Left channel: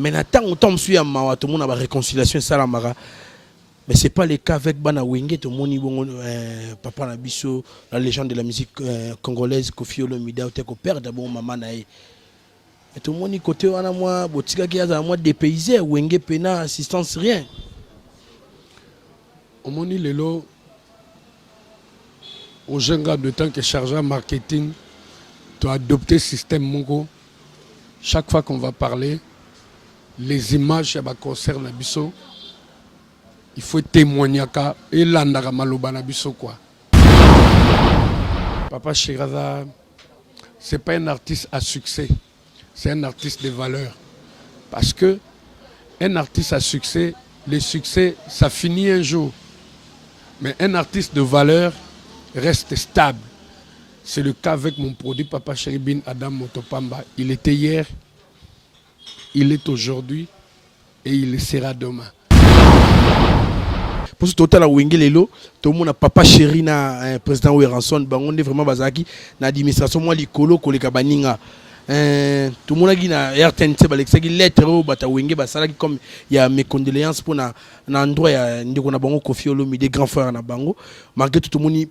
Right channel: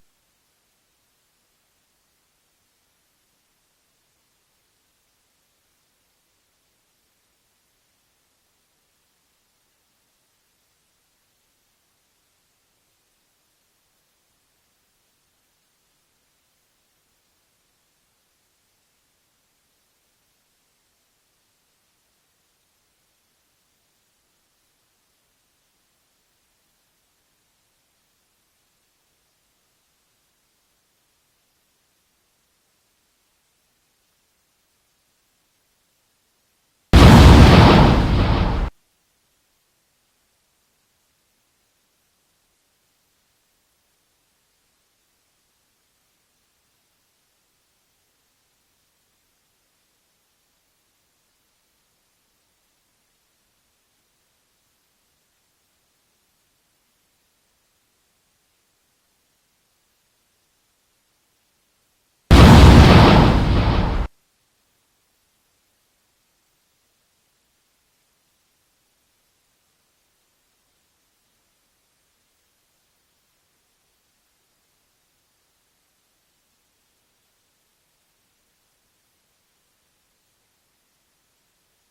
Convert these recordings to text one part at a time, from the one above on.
Mais tant autant suis à ma tout le monde a réconciliation ça la mara. Mais c'est pas le cas avec Bana Wenge, tout le monde papa Nabiso, la légende de la musique congolaise Kofi Olomide ou teko père d'abord maman nae. Mais tout le monde côté on a moi botika qui a moi dépaysé Wenge pena assistance rien. Au moni lelo au jeune gars de temps que chargé marketing tu as adopté le système Mongo. Chaque fois qu'on va parler les images ça concerne Nabiso. Il faut témoigner et l'andara maloba na biso quoi. Papa Shiraza, c'est pas un artiste à succès, c'est un artiste de valeur. Parce que un artiste à succès, le succès ça finit un jour. Mais un artiste de valeur reste stable. C'est le cas avec mon produit Papa Cheribin Adam Motopamba. Il était hier, il est aujourd'hui et il sera demain. Pour ce total à Wengelelo, tout le monde a papa chéri na président Weranson, on est vraiment bazaki na administration moi likolo koleka baninga. Tout le monde a dit na RTNC balexaki lettre au bata Wenge basalaki comme il y a mes condoléances pour na endroit ya ndiko na bango Kofi Olomide grand frère na bango. Malgré tout le monde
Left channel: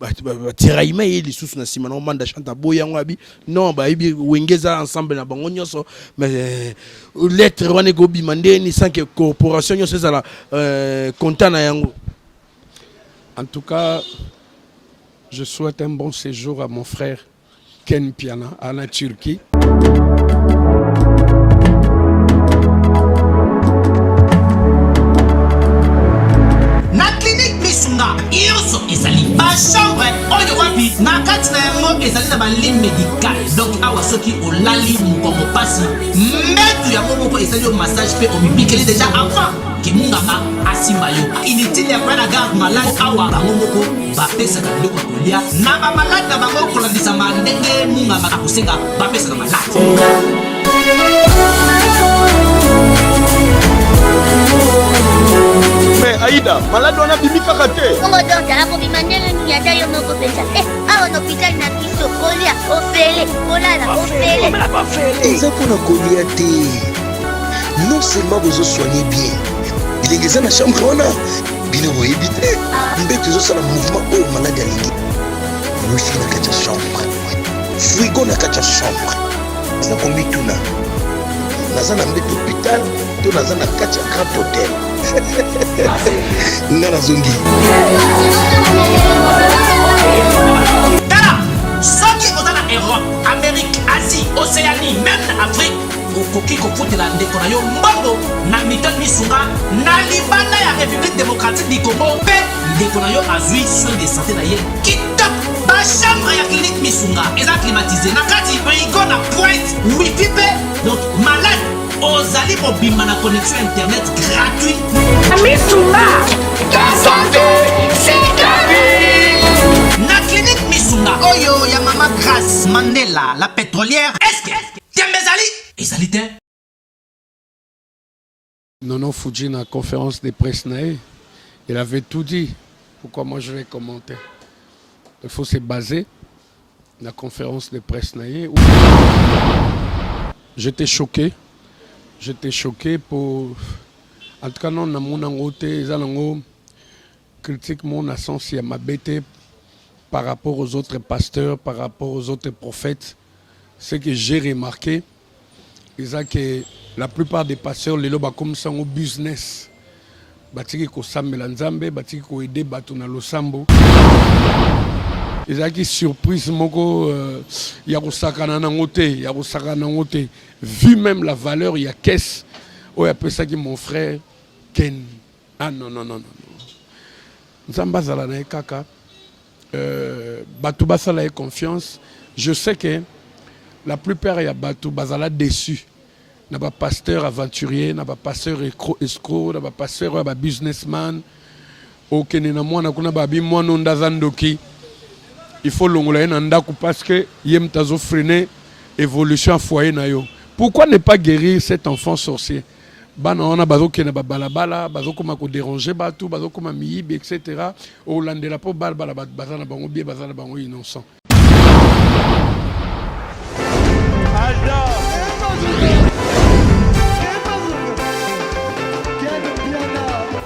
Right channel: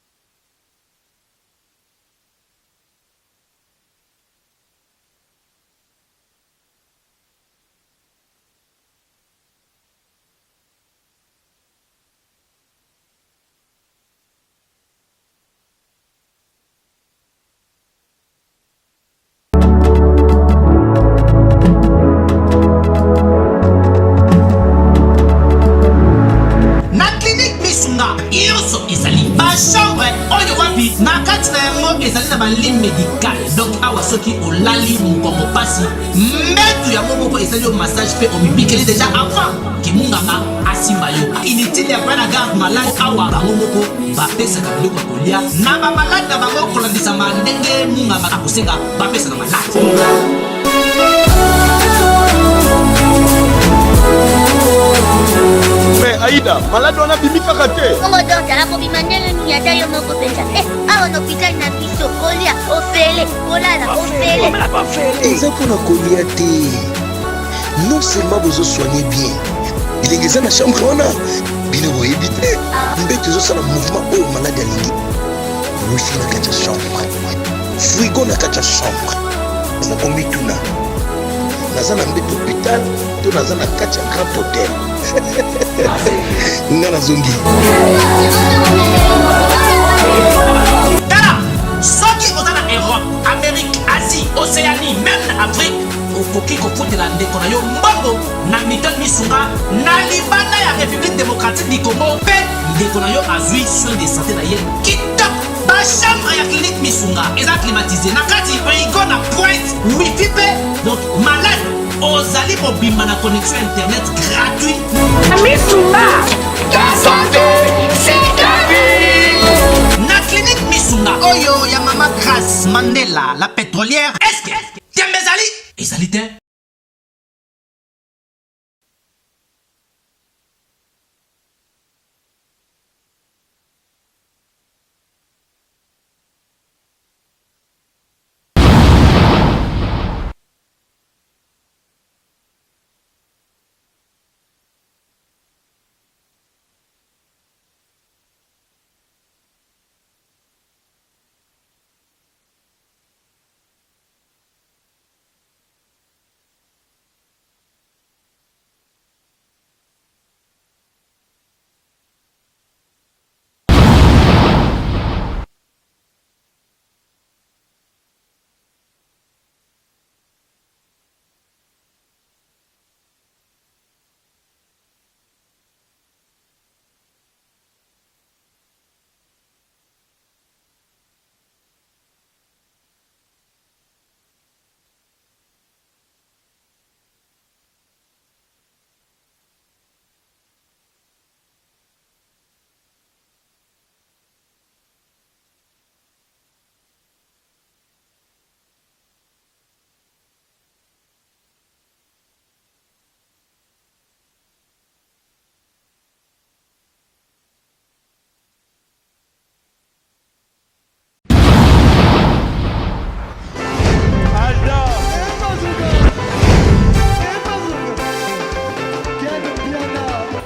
tiraima et les sous na sima na manda chanta boya ngabi non ba ibi Wengeza ensemble na bango nyoso mais lettre wane go bimande ni sans que corporation nyoso za la content na yango. En tout cas, je souhaite un bon séjour à mon frère Ken Piana à la Turquie. Na clinique Misunga, Irso ezali ba chambre oyo wapi na kati na yango ezali na ba ligne médicale. Donc awa soki olali mukongo pasi metu yango moko ezali au massage pe omibikeli déjà avant kimunganga asimba yo. Inutile ya na garde malade awa bango moko ba pesa ka biloko kolia na ba malade na bango kolandisa mandenge munganga akosenga ba pesa na malade. Mais Aïda, malade on a bimi kakaté. On va donc la bimandele ni ata yo moko pensa. A on hôpital na biso kolia ofele, kolala ofele. Eza pour na kolia te. Non seulement vous soignez bien. Il est dans la chambre on a bino vous éviter. Mbete zo sala mouvement au malade alingi. Wifi na kacha chambre. Frigo na kacha chambre. Na kombi tuna. Nazana mbete hôpital, to nazana kacha grand hôtel. Nana zongi. Tala, soki ozana Europe, Amérique, Asie, Océanie, même Afrique, okoki kofutela ndeko na yo mbongo na Milton Misunga na libanda ya République démocratique du Congo pe ndeko na yo azui soin de santé na ye kitoko. Ba chambre ya clinique Misunga eza climatisé na kati frigo na pointe wifi pe donc malade ozali mobimba na connexion internet gratuit. Misunga, ta santé, c'est ta vie. Na clinique Misunga oyo ya Mama Grace Mandela la pétrolière. Est-ce que Tiembezali ezali te? Nono Fuji na conférence de presse nae, il avait tout dit. Pourquoi moi je vais commenter? Il faut se baser la conférence de presse nae. J'étais choqué. J'étais choqué pour... En tout cas, non, dans mon angoté, ils critique mon sens à ma bête par rapport aux autres pasteurs, par rapport aux autres prophètes. Ce que j'ai remarqué, c'est que la plupart des pasteurs, les lobes comme ça au business. Batiki ko sambela nzambe, batiki ko aider batu na losambo. Ils ont surprise moko ya ko sakana na ngote, ya ko sakana ngote. Vu même la valeur, il y a qu'est-ce oh il appelle ça qui mon frère Ken. Ah non non non non. Nzamba zala na kaka batu basala et confiance. Je sais que la plupart ya batu bazala déçus. N'a pas pasteur aventurier, n'a pas pasteur escroc, n'a pas pasteur businessman. Aucun na mwana kuna babi mwana ndazandoki. Il faut l'ongler nandaku parce que yem tazo freiner évolution foyer na yo. Pourquoi ne pas guérir cet enfant sorcier? Bana on a bazo kena balabala, bazo koma ko déranger batu, bazo koma miyibi etc. Au landela po balbala bazana bango bien bazana bango innocent.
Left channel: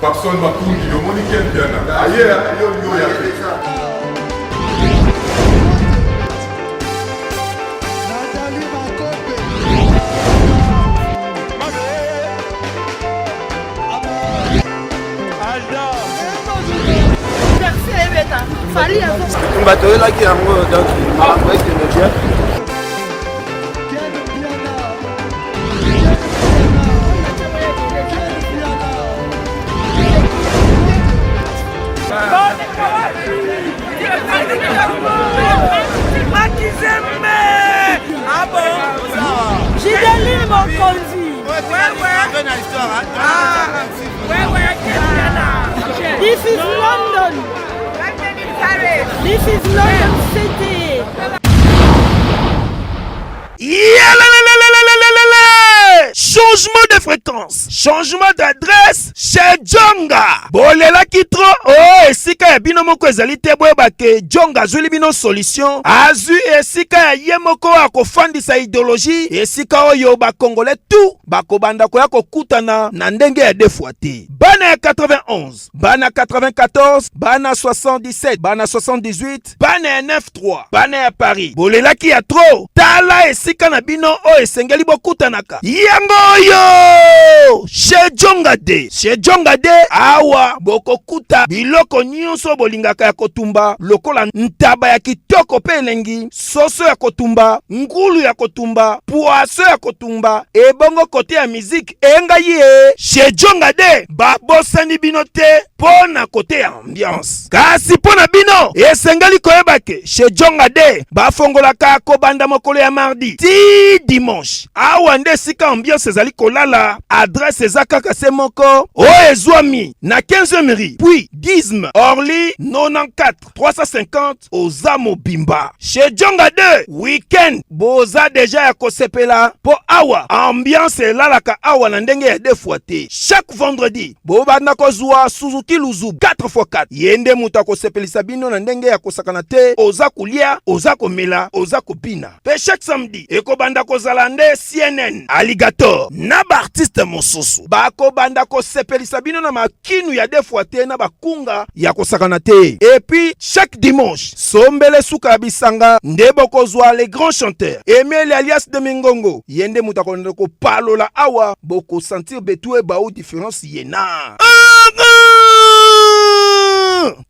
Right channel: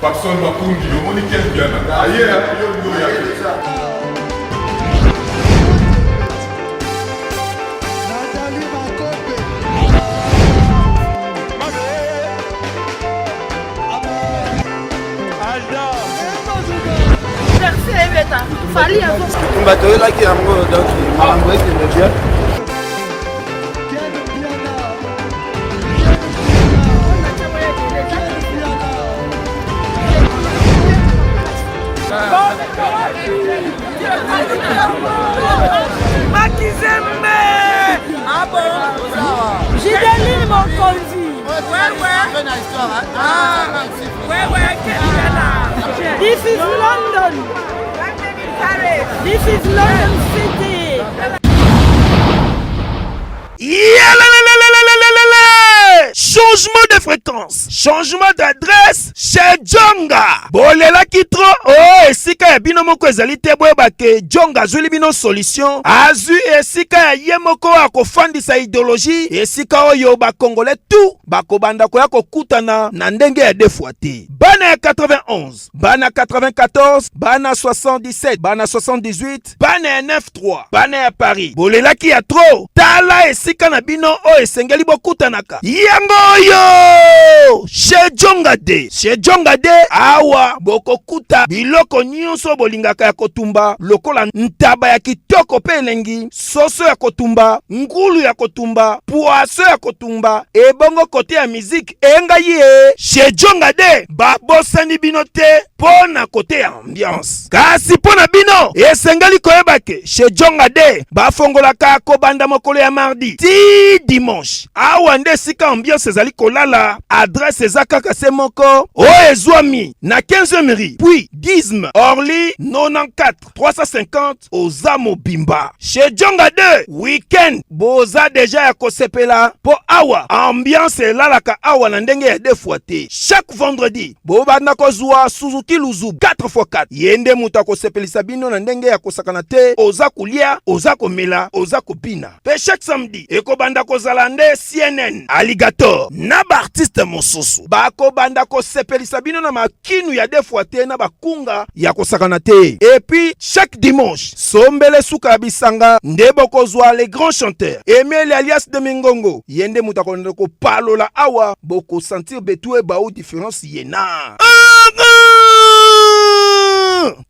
Papson Mapundi, au Monique Biana. Aïe, bato oyelaki yango donc makambo ekende bien. Ah bon? Gideline Mokonzi. This is London. This is London City. Changement de fréquence, changement d'adresse chez Djonga. Bolela kitro, oh esika ya bino moko ezali te boyeba ke Djonga azuli bino solution. Azu esika ya ye moko akofandisa idéologie, esika oyo bakongole tout bakobanda koya kokutana na ndenge ya defwa te. Bana ya 91, bana 94, bana 77, bana 78, bana ya 93, bana ya Paris. Bolela ki ya tro, tala esika na bino o esengeli bokutanaka. Yango yo! Chez Djonga de. Chez Djonga de, awa bokokuta biloko nyonso bolingaka ya kotumba, lokola ntaba ya kitoko pe elengi, soso ya kotumba, ngulu ya kotumba, poaso ya kotumba, ebongo kote ya musique enga ye. Chez Djonga de, babosani bino te pona kote ya ambiance. Kasi pona bino, esengeli koyebake, chez Djonga de, bafongolaka kobanda mokolo ya mardi ti dimanche. Awa nde sika ambiance ezali kolala, adresse eza kaka se moko, o ezwami na 15e rue, puis Gizme, Orly 94 350 oza mobimba. Chez Djonga 2, weekend boza deja ya kosepela po awa ambiance elalaka awa na ndenge ya defwa te. Chaque vendredi bobanda kozwa Suzuki Luzu 4x4 yende mutu akosepelisa bino na ndenge ya kosakana te, oza kulia, oza komela, oza kopina. Pe chaque samedi ekobanda kozala nde CNN Alligator na ba artiste mosusu bakobanda kosepelisa bino na makinu ya defwa te na bakunga ya kosakana te. Et puis chaque dimanche sombele suka ya bisanga nde bokozwa les grands chanteurs Emile alias de Mingongo yende mutu akonde kopalola awa boko sentir betu eba ou différence yena.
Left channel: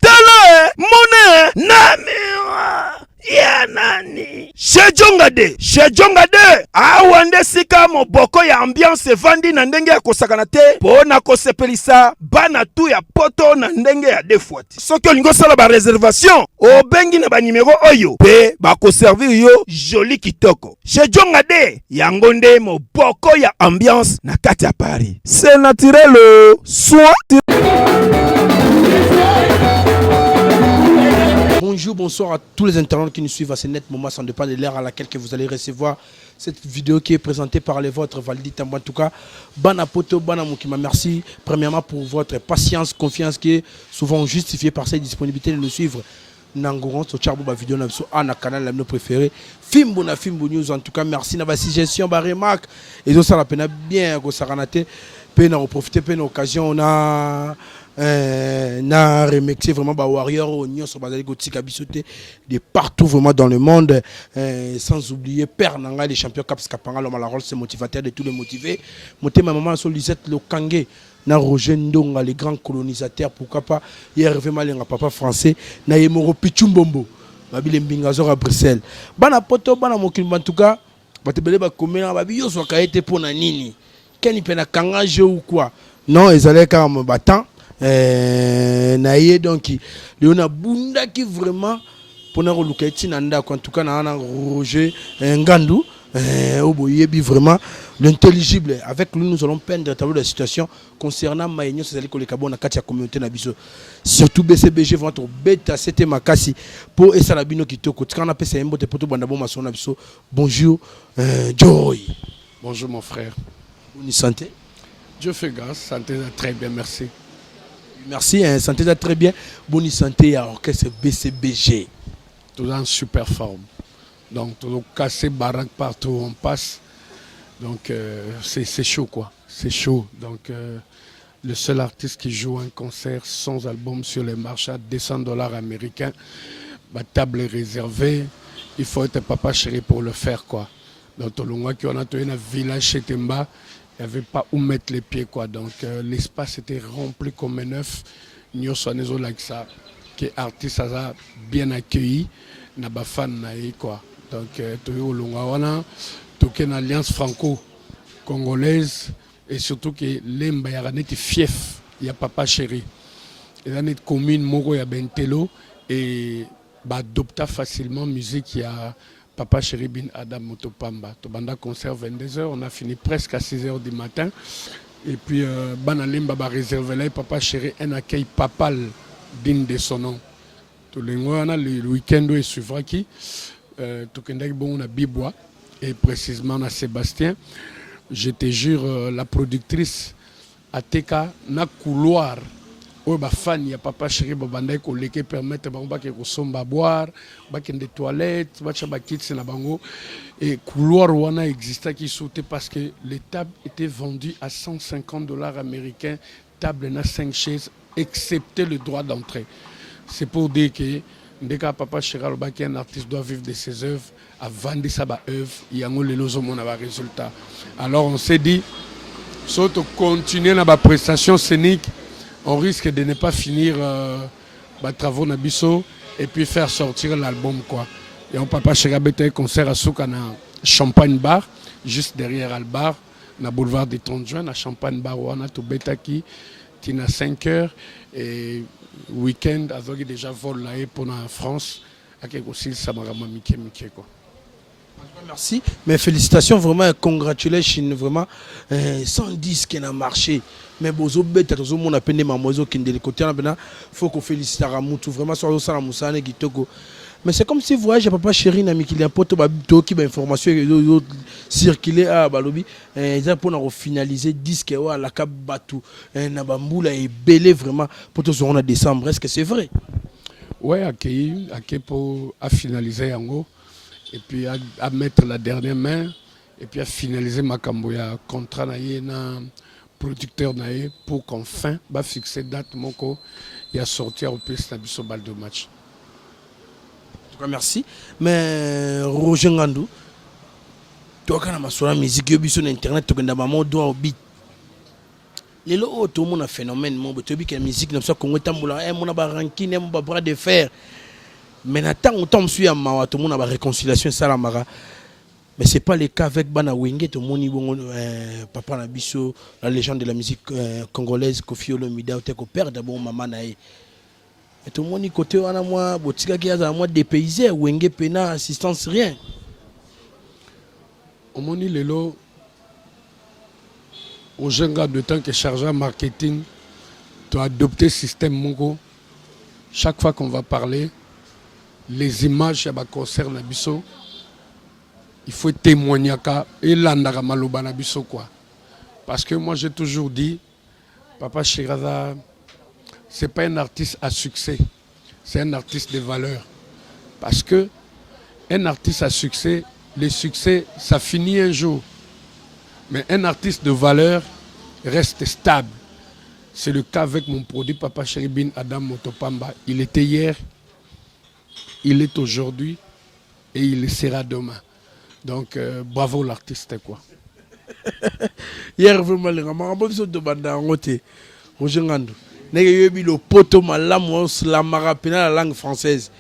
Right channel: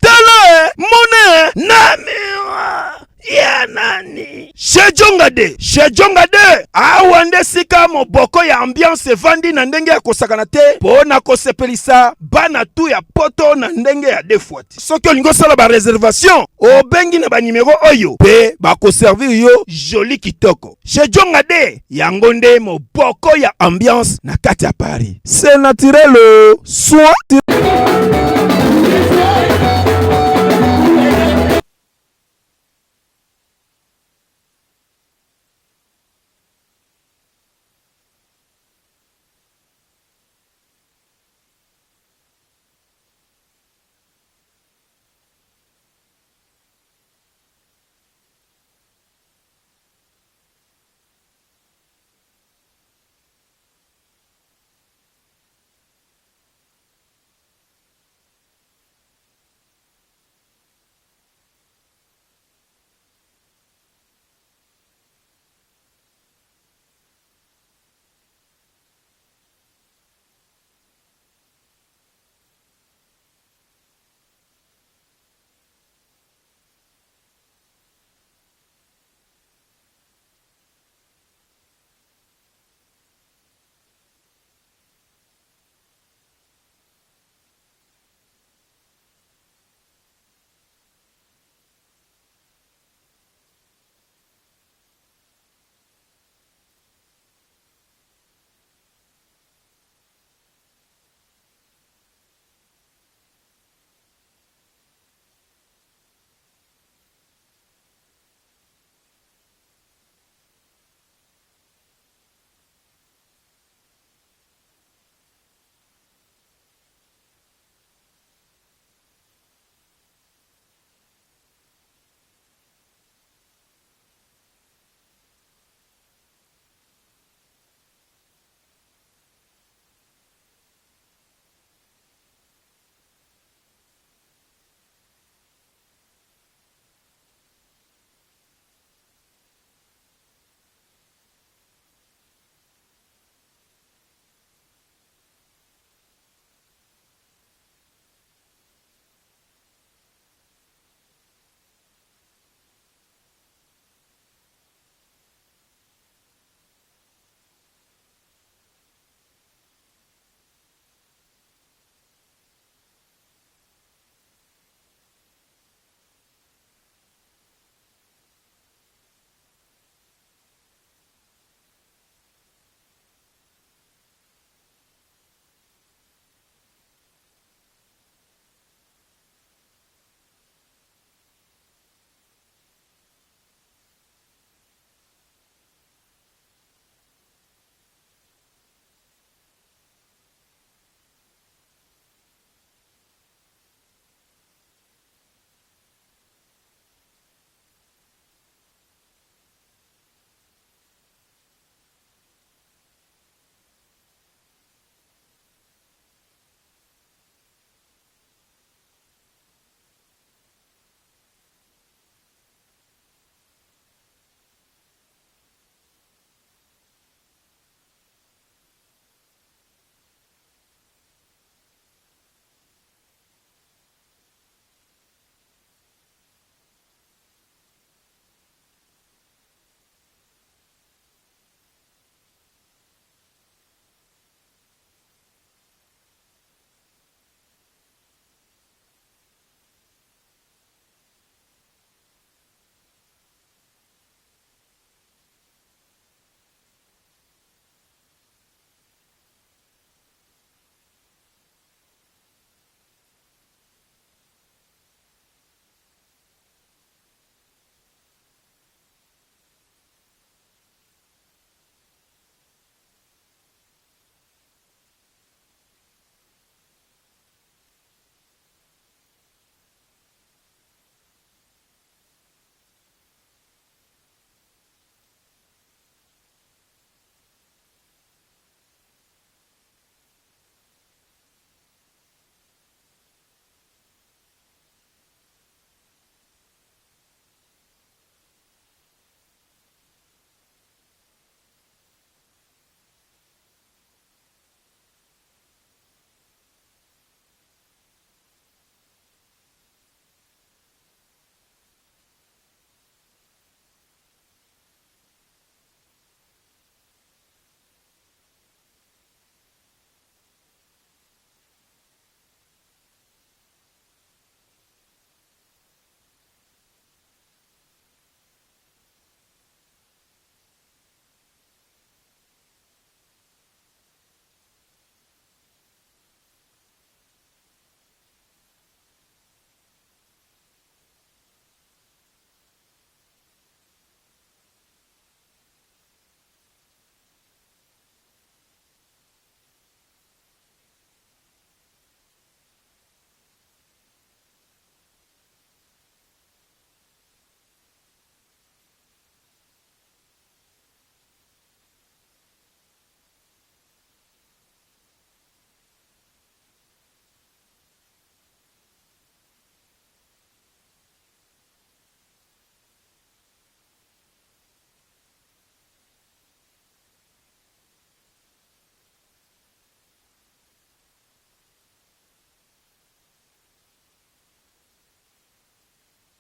Tele mone namira ya nani chez Djonga de. Chez Djonga de awa nde sika moboko ya ambiance vandi na ndenge ya kosakana te pona kosepelisa bana tu ya poto na ndenge ya defwa te. Soki olingo sala ba réservation obengi na ba numéro oyo pe bakoservir yo joli kitoko. Chez Djonga de yango nde moboko ya ambiance na kati ya Paris. C'est naturel soit. Bonjour, bonsoir à tous les internautes qui nous suivent à ce net moment, sans dépendre de l'heure à laquelle que vous allez recevoir cette vidéo qui est présentée par les vôtres, Valdi Tamba. En tout cas, Bana Poto, Bana Moukima, merci premièrement pour votre patience, confiance qui est souvent justifiée par cette disponibilité de nous suivre. Nangoron, so charbo ba vidéo na biso na canal la préféré. Fimbo na Fimbo News, en tout cas, merci na ba suggestion, ba remarque. Et donc ça la peine bien go saranate, peine en profiter, peine occasion on a na remercier vraiment ba warrior oignon sur bazali gotika bisoté de partout vraiment dans le monde, sans oublier Père Nanga les champions Caps Kapanga l'homme à la rôle c'est motivateur de tous les motivés. Monter ma maman sur Lisette Lokangé na Roger Ndonga les grands colonisateurs, pourquoi pas hier vraiment les papa français na Yemoro Pichumbombo babile mbingazo à Bruxelles bana poto bana mokimba en tout cas batebele ba komena babi yo so ka été pour na nini keni pena kanga jeu ou quoi non ils allaient quand même battant naye donc leona bunda qui vraiment pour na lukaiti nanda en tout cas na Roger Ngandou oboyebi vraiment l'intelligible avec lui nous allons peindre un tableau de la situation concernant Maïnio c'est que les cabons na kati ya communauté na biso surtout BCBG votre bêta c'était makasi pour esalabino kitoko quand on appelle ça mbote poto banda bon mason na biso. Bonjour Joy. Bonjour mon frère. Bonne santé. Dieu fait grâce, santé très bien, merci. Merci, santé très bien. Bonne santé à l'orchestre BCBG. Tout en super forme. Donc, tout casser baraque partout où on passe. Donc, c'est chaud, quoi. C'est chaud. Donc, le seul artiste qui joue un concert sans album sur les marchés à $200 américains. Ma table est réservée. Il faut être Papa Chéri pour le faire, quoi. Donc, on a un village chez Temba. Il n'y avait pas où mettre les pieds, quoi. Donc, l'espace était rempli comme un œuf. Nous sommes like ça. Que artiste a bien accueilli. N'a pas fan, quoi. Donc, on a une alliance franco-congolaise. Et surtout que l'Emba y a un fief. Il y a Papa Chéri. Il y a une commune, Moro, il y a Bentelo. Et adopta facilement musique. Il y a Papa Chéri Bin Adam Motopamba. Tobanda concert 22h. On a fini presque à 6h du matin. Et puis, Banalimba va réserver là. Papa Chéri, un accueil papal digne de son nom. Tout le monde, le week-end, il suivra qui. Tout le monde, on a Bibois. Et précisément, on a Sébastien. Je te jure, la productrice a teka na couloir. Oh, bah fan, il y a Papa Chéri Babanda qui permettre de boire, des toilettes, et couloir wana exista qui sautait parce que les tables étaient vendues à $150 américains, table na 5 chaises, excepté le droit d'entrée. C'est pour dire que dès que Papa Chéri un artiste doit vivre de ses œuvres, à vendre sa œuvre, il y a un résultat. Alors on s'est dit, si on continue dans la prestation scénique, on risque de ne pas finir les travaux Nabiso et puis faire sortir l'album, quoi. Et on Papa Chéri a un concert à Soukana Champagne Bar, juste derrière Albar, na boulevard des 30 juin, à Champagne Bar, on a tout Betaki, qui a 5 heures et week-end, avec déjà vol là pour la France, avec aussi Samarama Miké, quoi. Merci, mais félicitations, vraiment, congratulations, vraiment, 110 qui a marché. Mais bozo bête, tout le monde a peine mamoiseau qui est de côté, il faut qu'on félicite à Ramoutou, vraiment, sur le salon Moussane qui togo. Mais c'est comme si vous voyez, Papa Chéri, n'a mis qu'il y a un pote qui a information circulé à Balobi, pour finaliser 10 qui à la Cap Batou, Nabamboula est belé vraiment pour tout ce qu'on a décembre. Est-ce que c'est vrai? Oui, accueilli pour finaliser en gros. Et puis à mettre la dernière main, et puis à finaliser ma camboya contrat na producteur naïe pour qu'enfin va fixer date moko et à sortir au plus na balle de match. En tout cas, merci. Mais Roger Ngandou, toi quand on a sur la musique, yo biso na internet, tu as maman doit au beat. Les lots tout le monde a phénomène, mon tu dis que la musique n'a pas qu'on est tamboula, mon a ranking, mon bras de fer. Mais tant on tombe sur Mawa, tout le monde a réconciliation Salamara. Mais ce n'est pas le cas avec Bana Wenge, tout le monde Papa Nabiso, la légende de la musique congolaise, Kofi Olomide, ou père d'abord maman naïe. Et tout le monde côté on a moi, botika qui a moi dépaysé, Wenge pena assistance rien. Au moni lelo, au jeune gars de temps que chargé en marketing, tu as adopté le système Mongo. Chaque fois qu'on va parler, les images qui concernent Nabiso, il faut témoigner et l'andara maloba Nabiso quoi. Parce que moi j'ai toujours dit, Papa Chéri, c'est pas un artiste à succès, c'est un artiste de valeur. Parce que un artiste à succès, le succès, ça finit un jour. Mais un artiste de valeur reste stable. C'est le cas avec mon produit Papa Chéri Bin Adam Motopamba. Il était hier, il est aujourd'hui et il sera demain. Donc bravo l'artiste quoi. Hier vraiment le ramabo biso de banda ngote. Roger Ngandou. Nega yebi le poto malamu la marapena la langue française.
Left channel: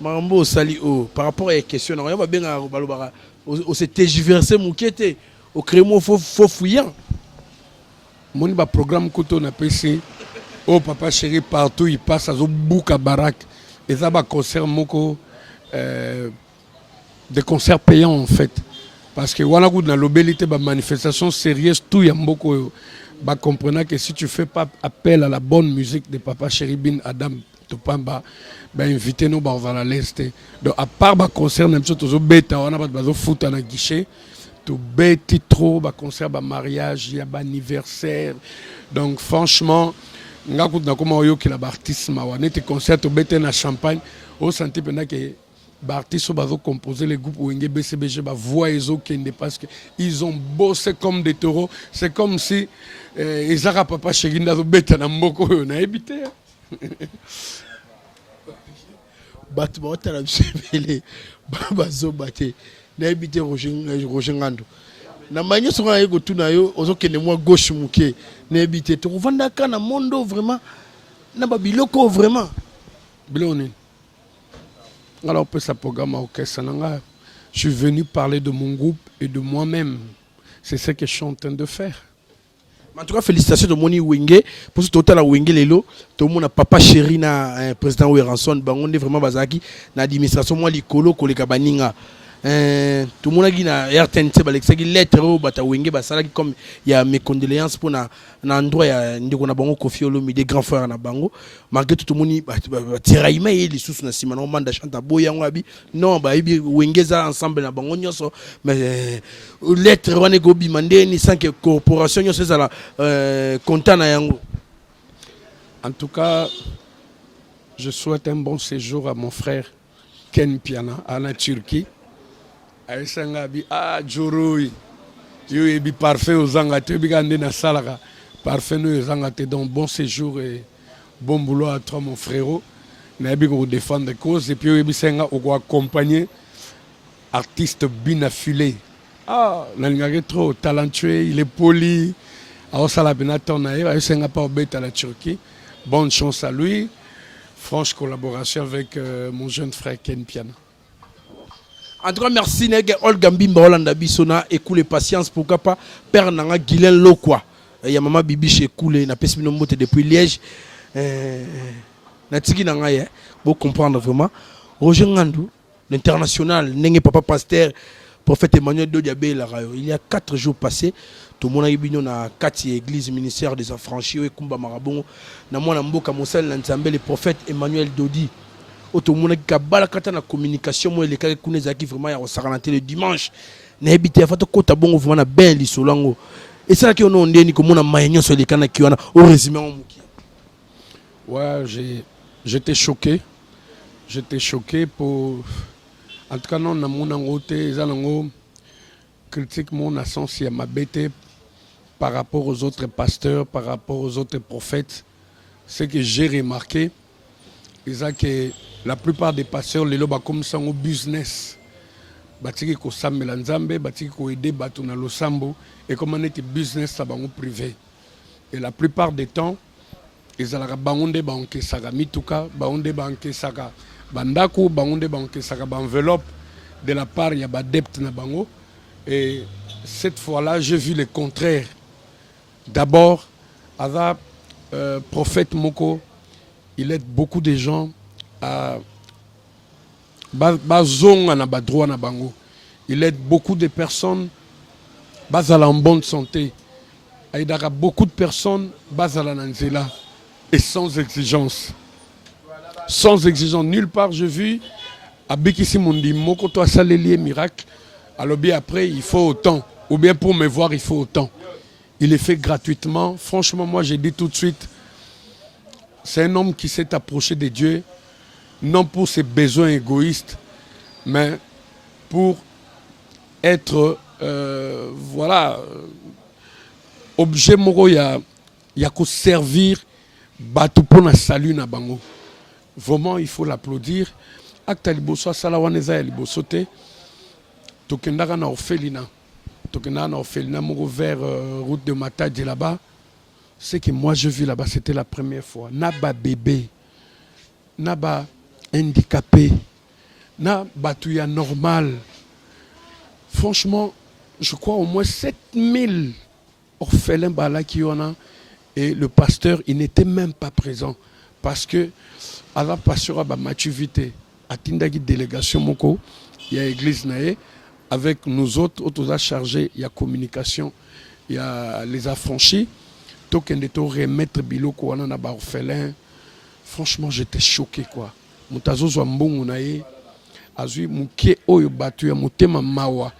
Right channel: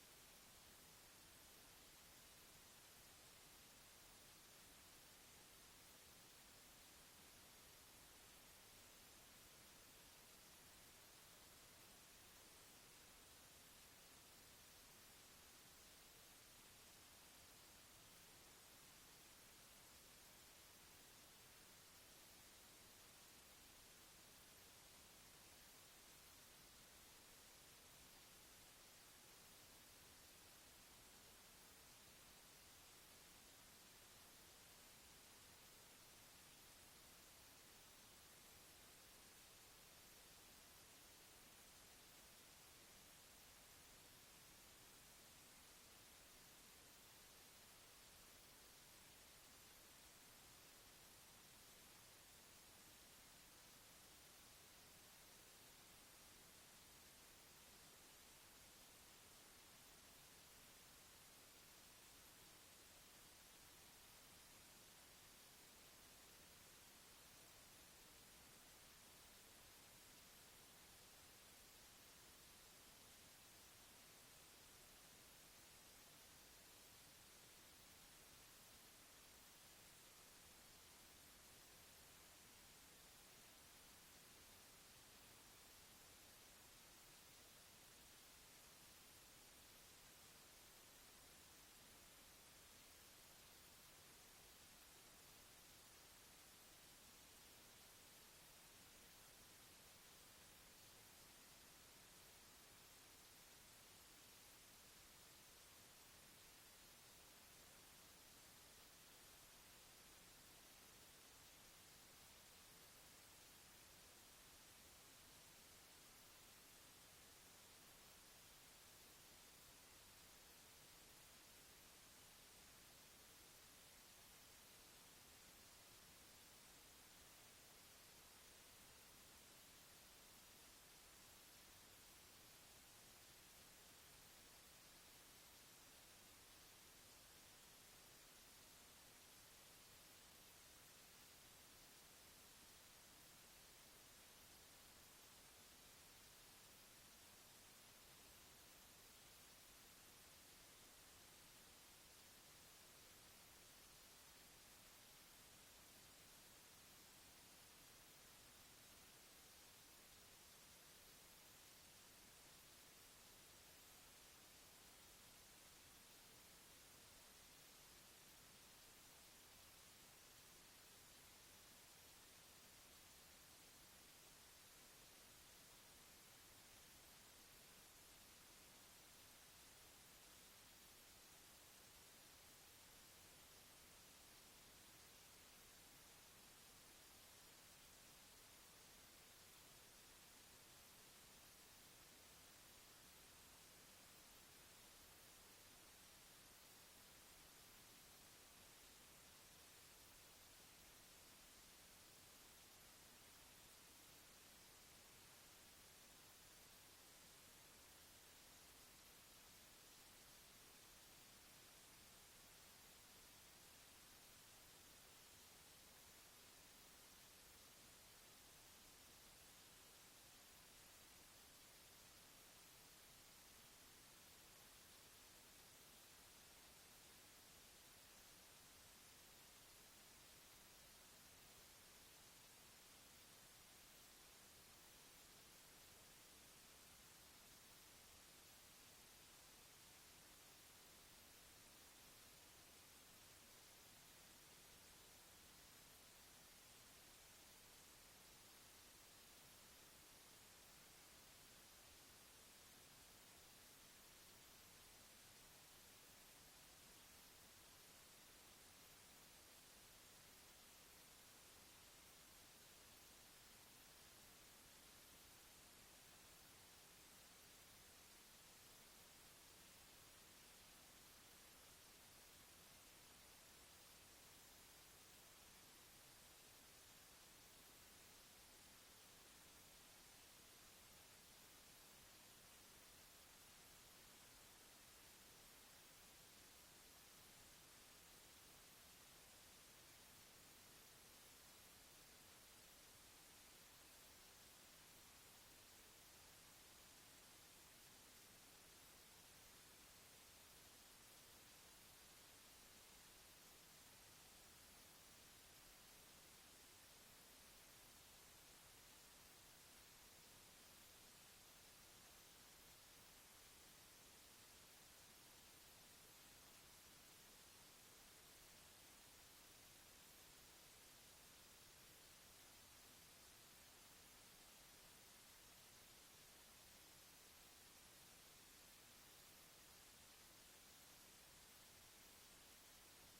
Marambo sali o par rapport à la question on va bien balobara au se tergiverser moukete au crémo faux fouillant. Mon ba programme koto na PC. Oh Papa Chéri partout il passe à zo bouka barak. Et ça va concert moko des concerts payants en fait. Parce que voilà dans l'obélité de manifestation sérieuse tout y a beaucoup bah comprenant que si tu fais pas appel à la bonne musique de Papa Chéri Bin Adam Topamba bah inviter nous bah on va la lester. Donc à part bah concert même chose aux bêta on a pas de foot à la guichet tout bête trop bah concert bah mariage il y a bah anniversaire. Donc franchement nga kutu na koma oyo ki la artiste ma wana te concert au bête na Champagne au santé pendant que Artistes ont composé les groupes Wenge BCBG, voix et Kende parce qu'ils ont bossé comme des taureaux. C'est comme si Ezara Papa Cherinda Beta Namboko on a habité. Battement à la bazo baté. Na habité Roger Ngando. Na manière sur un ego tout na yo, ozo kende moi gauche muke. Na habité. Tu revends kana mondo vraiment. Na babiloko vraiment. Biloni. Alors, pour ce programme orchestre, je suis venu parler de mon groupe et de moi-même. C'est ce que je suis en train de faire. En tout cas, félicitations de Moni Wenge. Pour ce total à Wenge Lelo, tout le monde a papa chéri na président Weranson. On est vraiment basaki na administration moi likolo koleka baninga. Tout le monde a dit na RTNC balexaki lettre au bata Wenge basalaki comme il y a mes condoléances pour na endroit ya ndiko na bango Kofi Olomide des grands frères na bango. Malgré tout le monde tiraima et les sous na sima na manda chanta boya ngabi non ba ibi Wenge za ensemble na bango nyoso mais lettre wane go bi mandeni sans que corporation nyoso za la content na yango. En tout cas, je souhaite un bon séjour à mon frère Ken Piana à la Turquie. Aïsangabi Djoroui yo ebi parfait aux angate bigande na salaka parfait nous aux angate donc bon séjour et bon boulot à toi mon frérot na ebi ko défendre cause et puis ebi senga o accompagner artiste bien affilé nalingaki trop talentueux il est poli a sala benaton na yo senga pas bête à la Turquie bonne chance à lui franche collaboration avec mon jeune frère Ken Piana. En tout cas, merci Nègre Olga Mbimba Olanda Bissona et cool patience pour pas père nanga Guilain Lokwa. Il y a maman Bibi chez Koulé na pesi bino mote depuis Liège. Na tiki nanga ye, vous comprendre vraiment. Roger Ngandou, l'international, Nenge Papa Pasteur, prophète Emmanuel Dodiabé Larayo. Il y a 4 jours passés, tout le monde a eu na 4 églises ministère des affranchis et Kumba Marabongo. Na mwana mboka Mosel Nzambe le prophète Emmanuel Dodi. Otomona kabala kata na communication moi les cas kuneza qui vraiment ya osarana le dimanche na habité fa to kota bongo vraiment na ben lisolango et ça qui on ndeni ko mona mayenyo so les kana ki wana au résumé on muki. Ouais, j'étais choqué pour en tout cas non na mona ngote zalango critique mon sens ya mabete par rapport aux autres pasteurs, par rapport aux autres prophètes. Ce que j'ai remarqué c'est que la plupart des pasteurs les loba comme ça au business batiki ko sambela nzambe batiki ko aider batu na losambo et comme on était business ça bango privé et la plupart des temps ils ala bangonde banke saka mituka bangonde banke saka bandako bangonde banke saka enveloppe de la part ya badepte na bango et cette fois-là j'ai vu le contraire. D'abord avec prophète Moko il aide beaucoup de gens à bazonga na badroit na bango. Il aide beaucoup de personnes bazala en bonne santé. Il aide beaucoup de personnes bazala nanzela et sans exigence. Sans exigence nulle part j'ai vu abikisi mundi moko to salelier miracle. Alors bien après il faut autant ou bien pour me voir il faut autant. Il est fait gratuitement. Franchement moi j'ai dit tout de suite c'est un homme qui s'est approché de Dieu, non pour ses besoins égoïstes, mais pour être, voilà, objet moro ya ko servir batu pona salut na bango. Vraiment, il faut l'applaudir. Acte liboso sala waneza liboso te. Tokendaka na orphelinat. Tokendaka na orphelinat moko vers route de Matadji là-bas. Ce que moi je vis là-bas, c'était la première fois. Naba bébé, naba handicapé, naba tuya normal. Franchement, je crois au moins 7000 orphelins là qui en a. Et le pasteur, il n'était même pas présent. Parce que, à la pasteur, Mathieu Vité, à Tindagi délégation Moko, il y a l'église Naé, avec nous autres, autres chargés, il y a communication, il y a les affranchis. Remettre biloko wana na ba orphelin. Franchement j'étais choqué quoi. Mutazo zwa mbongo na ye azui mukie oyo batu ya mutema mawa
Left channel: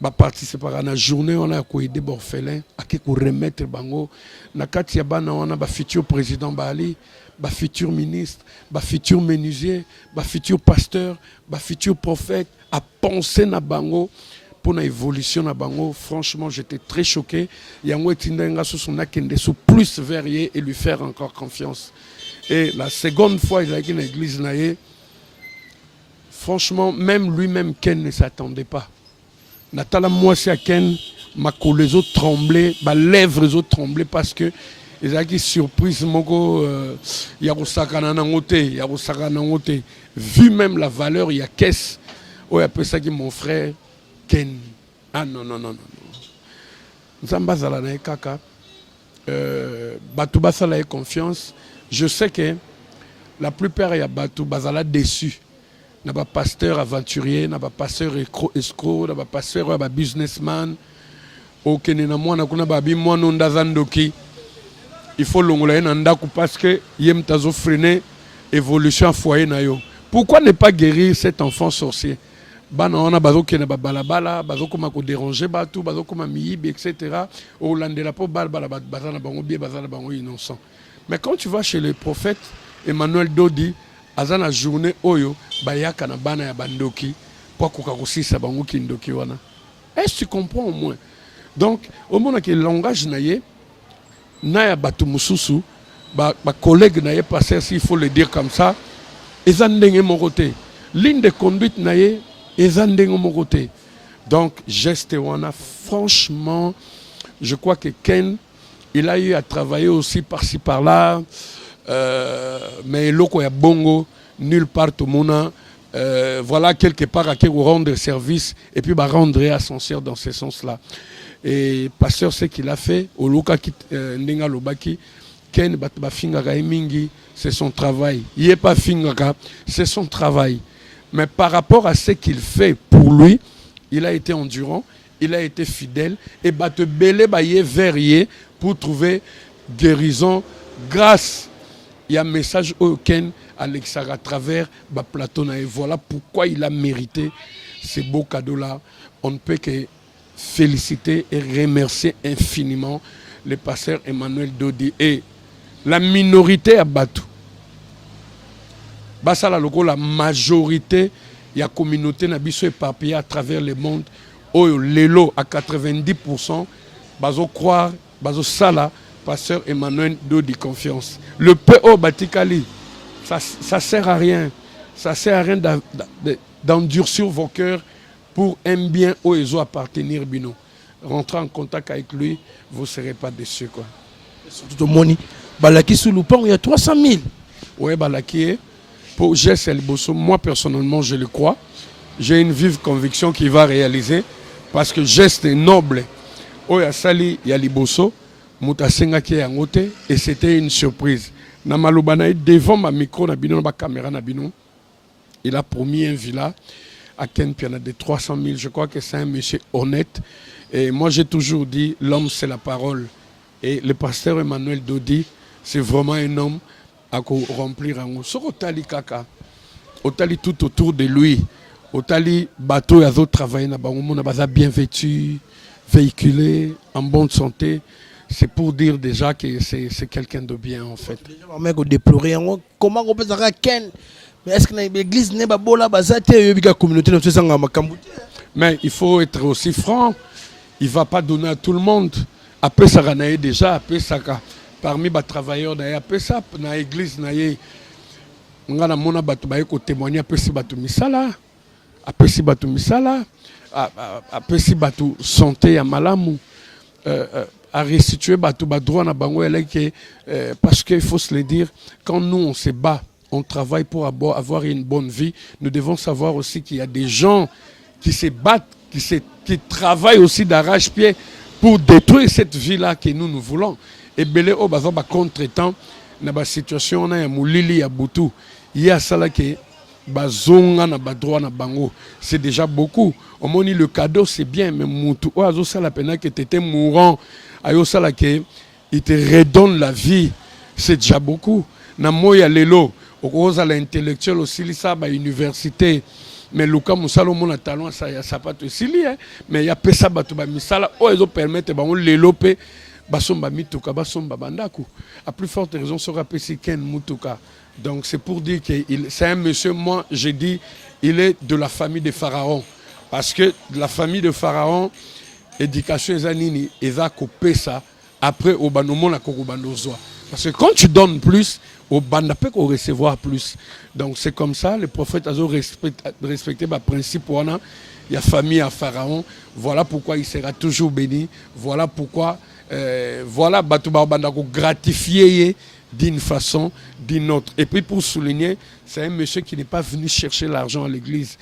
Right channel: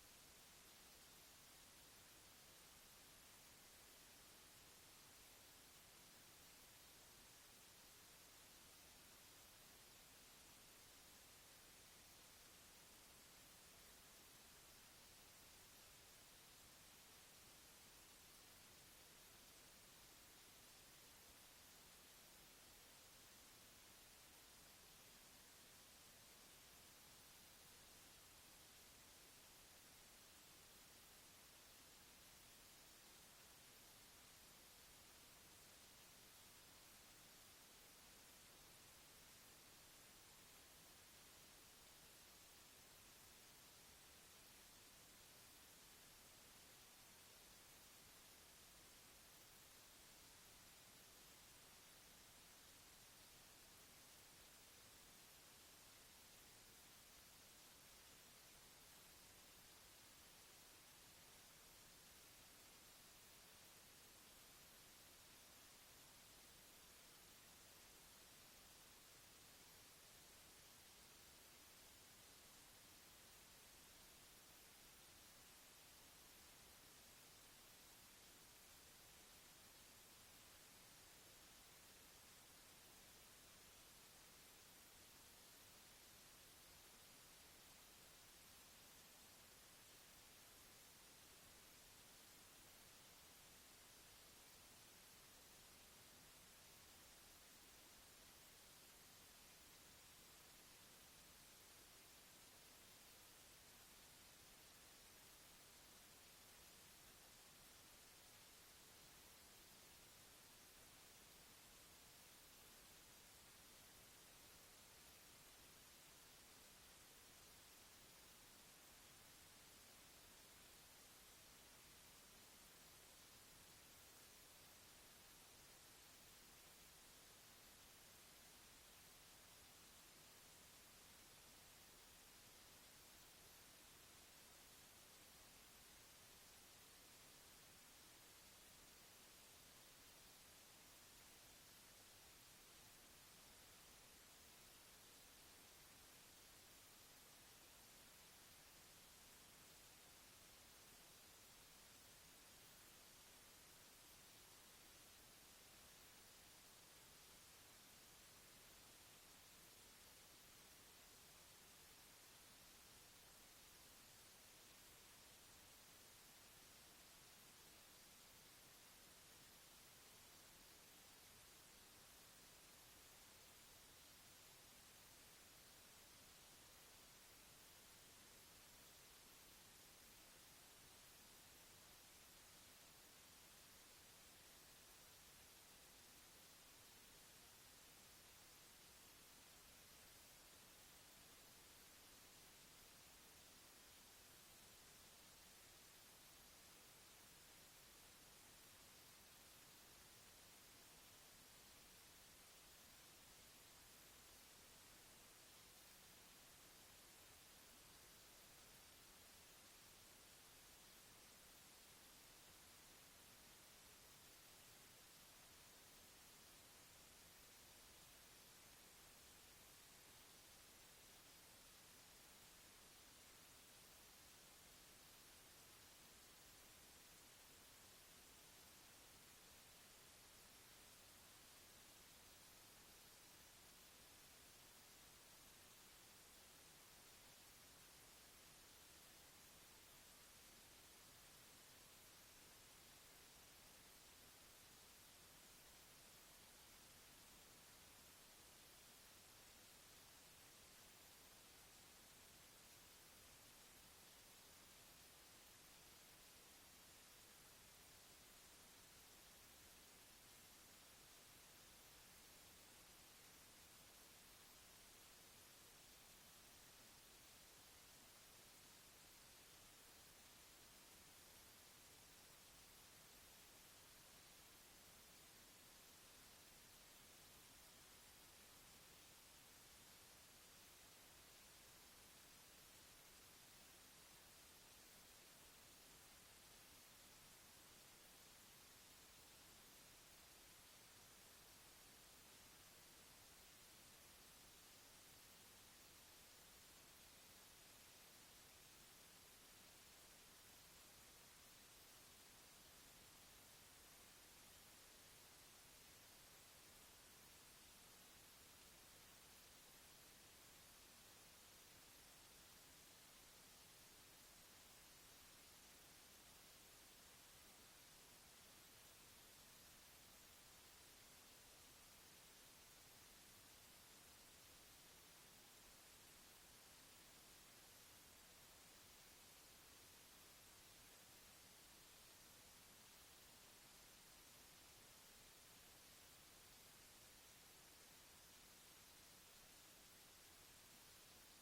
ba participer na journée on a ko aider orphelin ake ko remettre bango na kati ya bana wana ba futur président Bali ba futur ministre, ba futur menuisier, ba futur pasteur, ba futur prophète, à penser na bango pour l'évolution na bango. Franchement, j'étais très choqué. Yango etindenga sous son akende sous plus verrier et lui faire encore confiance. Et la seconde fois, il a été dans l'église naïe. Franchement, même lui-même, Ken ne s'attendait pas. Natala moi c'est à Ken, ma les autres tremblaient, ma lèvres les autres tremblaient parce que ils ont surprise moko yarosakana nangote, vu même la valeur il y a caisse. Oh après ça qui mon frère Ken. Ah non. Nzamba zala na kaka. Batu basala confiance. Je sais que la plupart ya batu bazala déçu. N'a pas pasteur aventurier, n'a pas pasteur escroc, n'a pas pasteur businessman. Ok, na moi na kuna babi moi non dazandoki. Il faut l'ongler nandaku parce que yem tazo freiner évolution foyer na yo. Pourquoi ne pas guérir cet enfant sorcier? Bana on a bazo ke na balabala, bazo koma ko déranger batu, bazo koma miyibi etc. Au landela po balbala bazana bango bien bazana bango innocent. Mais quand tu vas chez le prophète Emmanuel Dodi, azana journée oyo bayaka na bana ya bandoki pour kokakosisa bango kindoki wana. Est-ce que tu comprends au moins? Donc au moment que le langage naie na ya batu mususu ba collègue naie passer s'il faut le dire comme ça, ezandenge mon côté. Ligne de conduite naie ezandenge mon côté. Donc geste wana franchement je crois que Ken il a eu à travailler aussi par-ci par-là. Mais loko ya bongo nulle part au monde voilà quelque part à qui rendre service et puis rendre ascenseur dans ce sens-là. Et pasteur ce qu'il a fait au loka qui ndenga lobaki Ken ba fingaka mingi c'est son travail. Il est pas fingaka, c'est son travail. Mais par rapport à ce qu'il fait pour lui, il a été endurant, il a été fidèle et te belé baye verrier pour trouver guérison grâce. Il y a un message auquel Alexa à travers Platon et voilà pourquoi il a mérité ces beaux cadeaux-là. On ne peut que féliciter et remercier infiniment le pasteur Emmanuel Dodi et la minorité à Batou. Basala logo la majorité il y a communauté nabiso éparpillée à travers le monde. Oh lelo à 90% bazo croire bazo sala pasteur Emmanuel Dodi confiance. Le PO Batikali, ça sert à rien. Ça sert à rien d'endurcir vos cœurs pour un bien où ils ont appartenir bino. Rentrez en contact avec lui, vous ne serez pas déçus quoi. Surtout Moni, Balaki sous Loupon, il y a 300 000. Oui, Balaki, pour Jess El Bosso, moi personnellement je le crois. J'ai une vive conviction qu'il va réaliser parce que geste est noble. Oh, il y a Sali, il y a Libosso. Et c'était une surprise. Devant ma micro, ma caméra, il a promis un villa à Ken Piana de 300 000. Je crois que c'est un monsieur honnête. Et moi, j'ai toujours dit, l'homme, c'est la parole. Et le pasteur Emmanuel Dodi, c'est vraiment un homme à remplir un mot. Sur Otali Kaka, Otali tout autour de lui, Otali bateau et d'autres travaillent, on a bien vêtu, véhiculé, en bonne santé. C'est pour dire déjà que c'est quelqu'un de bien en fait. Comment on peut dire Ken? Mais est-ce que l'église n'est pas bonne la communauté? Mais il faut être aussi franc. Il ne va pas donner à tout le monde. Après ça, on a déjà après ça parmi les travailleurs après ça dans l'église on a mon abatu témoigner après si batu misala après si batu misala après si batu santé à malamu à restituer batu droit na bango parce qu'il faut se le dire quand nous on se bat on travaille pour avoir une bonne vie nous devons savoir aussi qu'il y a des gens qui se battent qui travaillent aussi d'arrache-pied pour détruire cette vie là que nous voulons et belé au baza ba contre-temps na ba situation na ya mulili ya butu il y a ça là que bazonga na ba droit na bango c'est déjà beaucoup au moins le cadeau c'est bien mais mutu o azo ça la peine que tu étais mourant ayo ça là que il te redonne la vie c'est déjà beaucoup na moya lelo okoza l'intellectuel aussi lisa ba université mais Luka Moussalo mon talent ça y a ça pas te sili mais il y a pesa batu ba misala o ezo permettre ba on lelope basomba mituka basomba bandako. À plus forte raison sera pesi ken mutuka. Donc c'est pour dire que c'est un monsieur, moi j'ai dit, il est de la famille de Pharaon. Parce que la famille de Pharaon, éducation ezanini, eza coupé ça, après au banomo la kokobandozwa. Parce que quand tu donnes plus, au banda peut recevoir plus. Donc c'est comme ça, le prophète a respecté le principe. Il y a famille à Pharaon. Voilà pourquoi il sera toujours béni. Voilà pourquoi, voilà, Batouba Banda gratifié d'une façon, d'une autre. Et puis pour souligner, c'est un monsieur qui n'est pas venu chercher l'argent à l'église.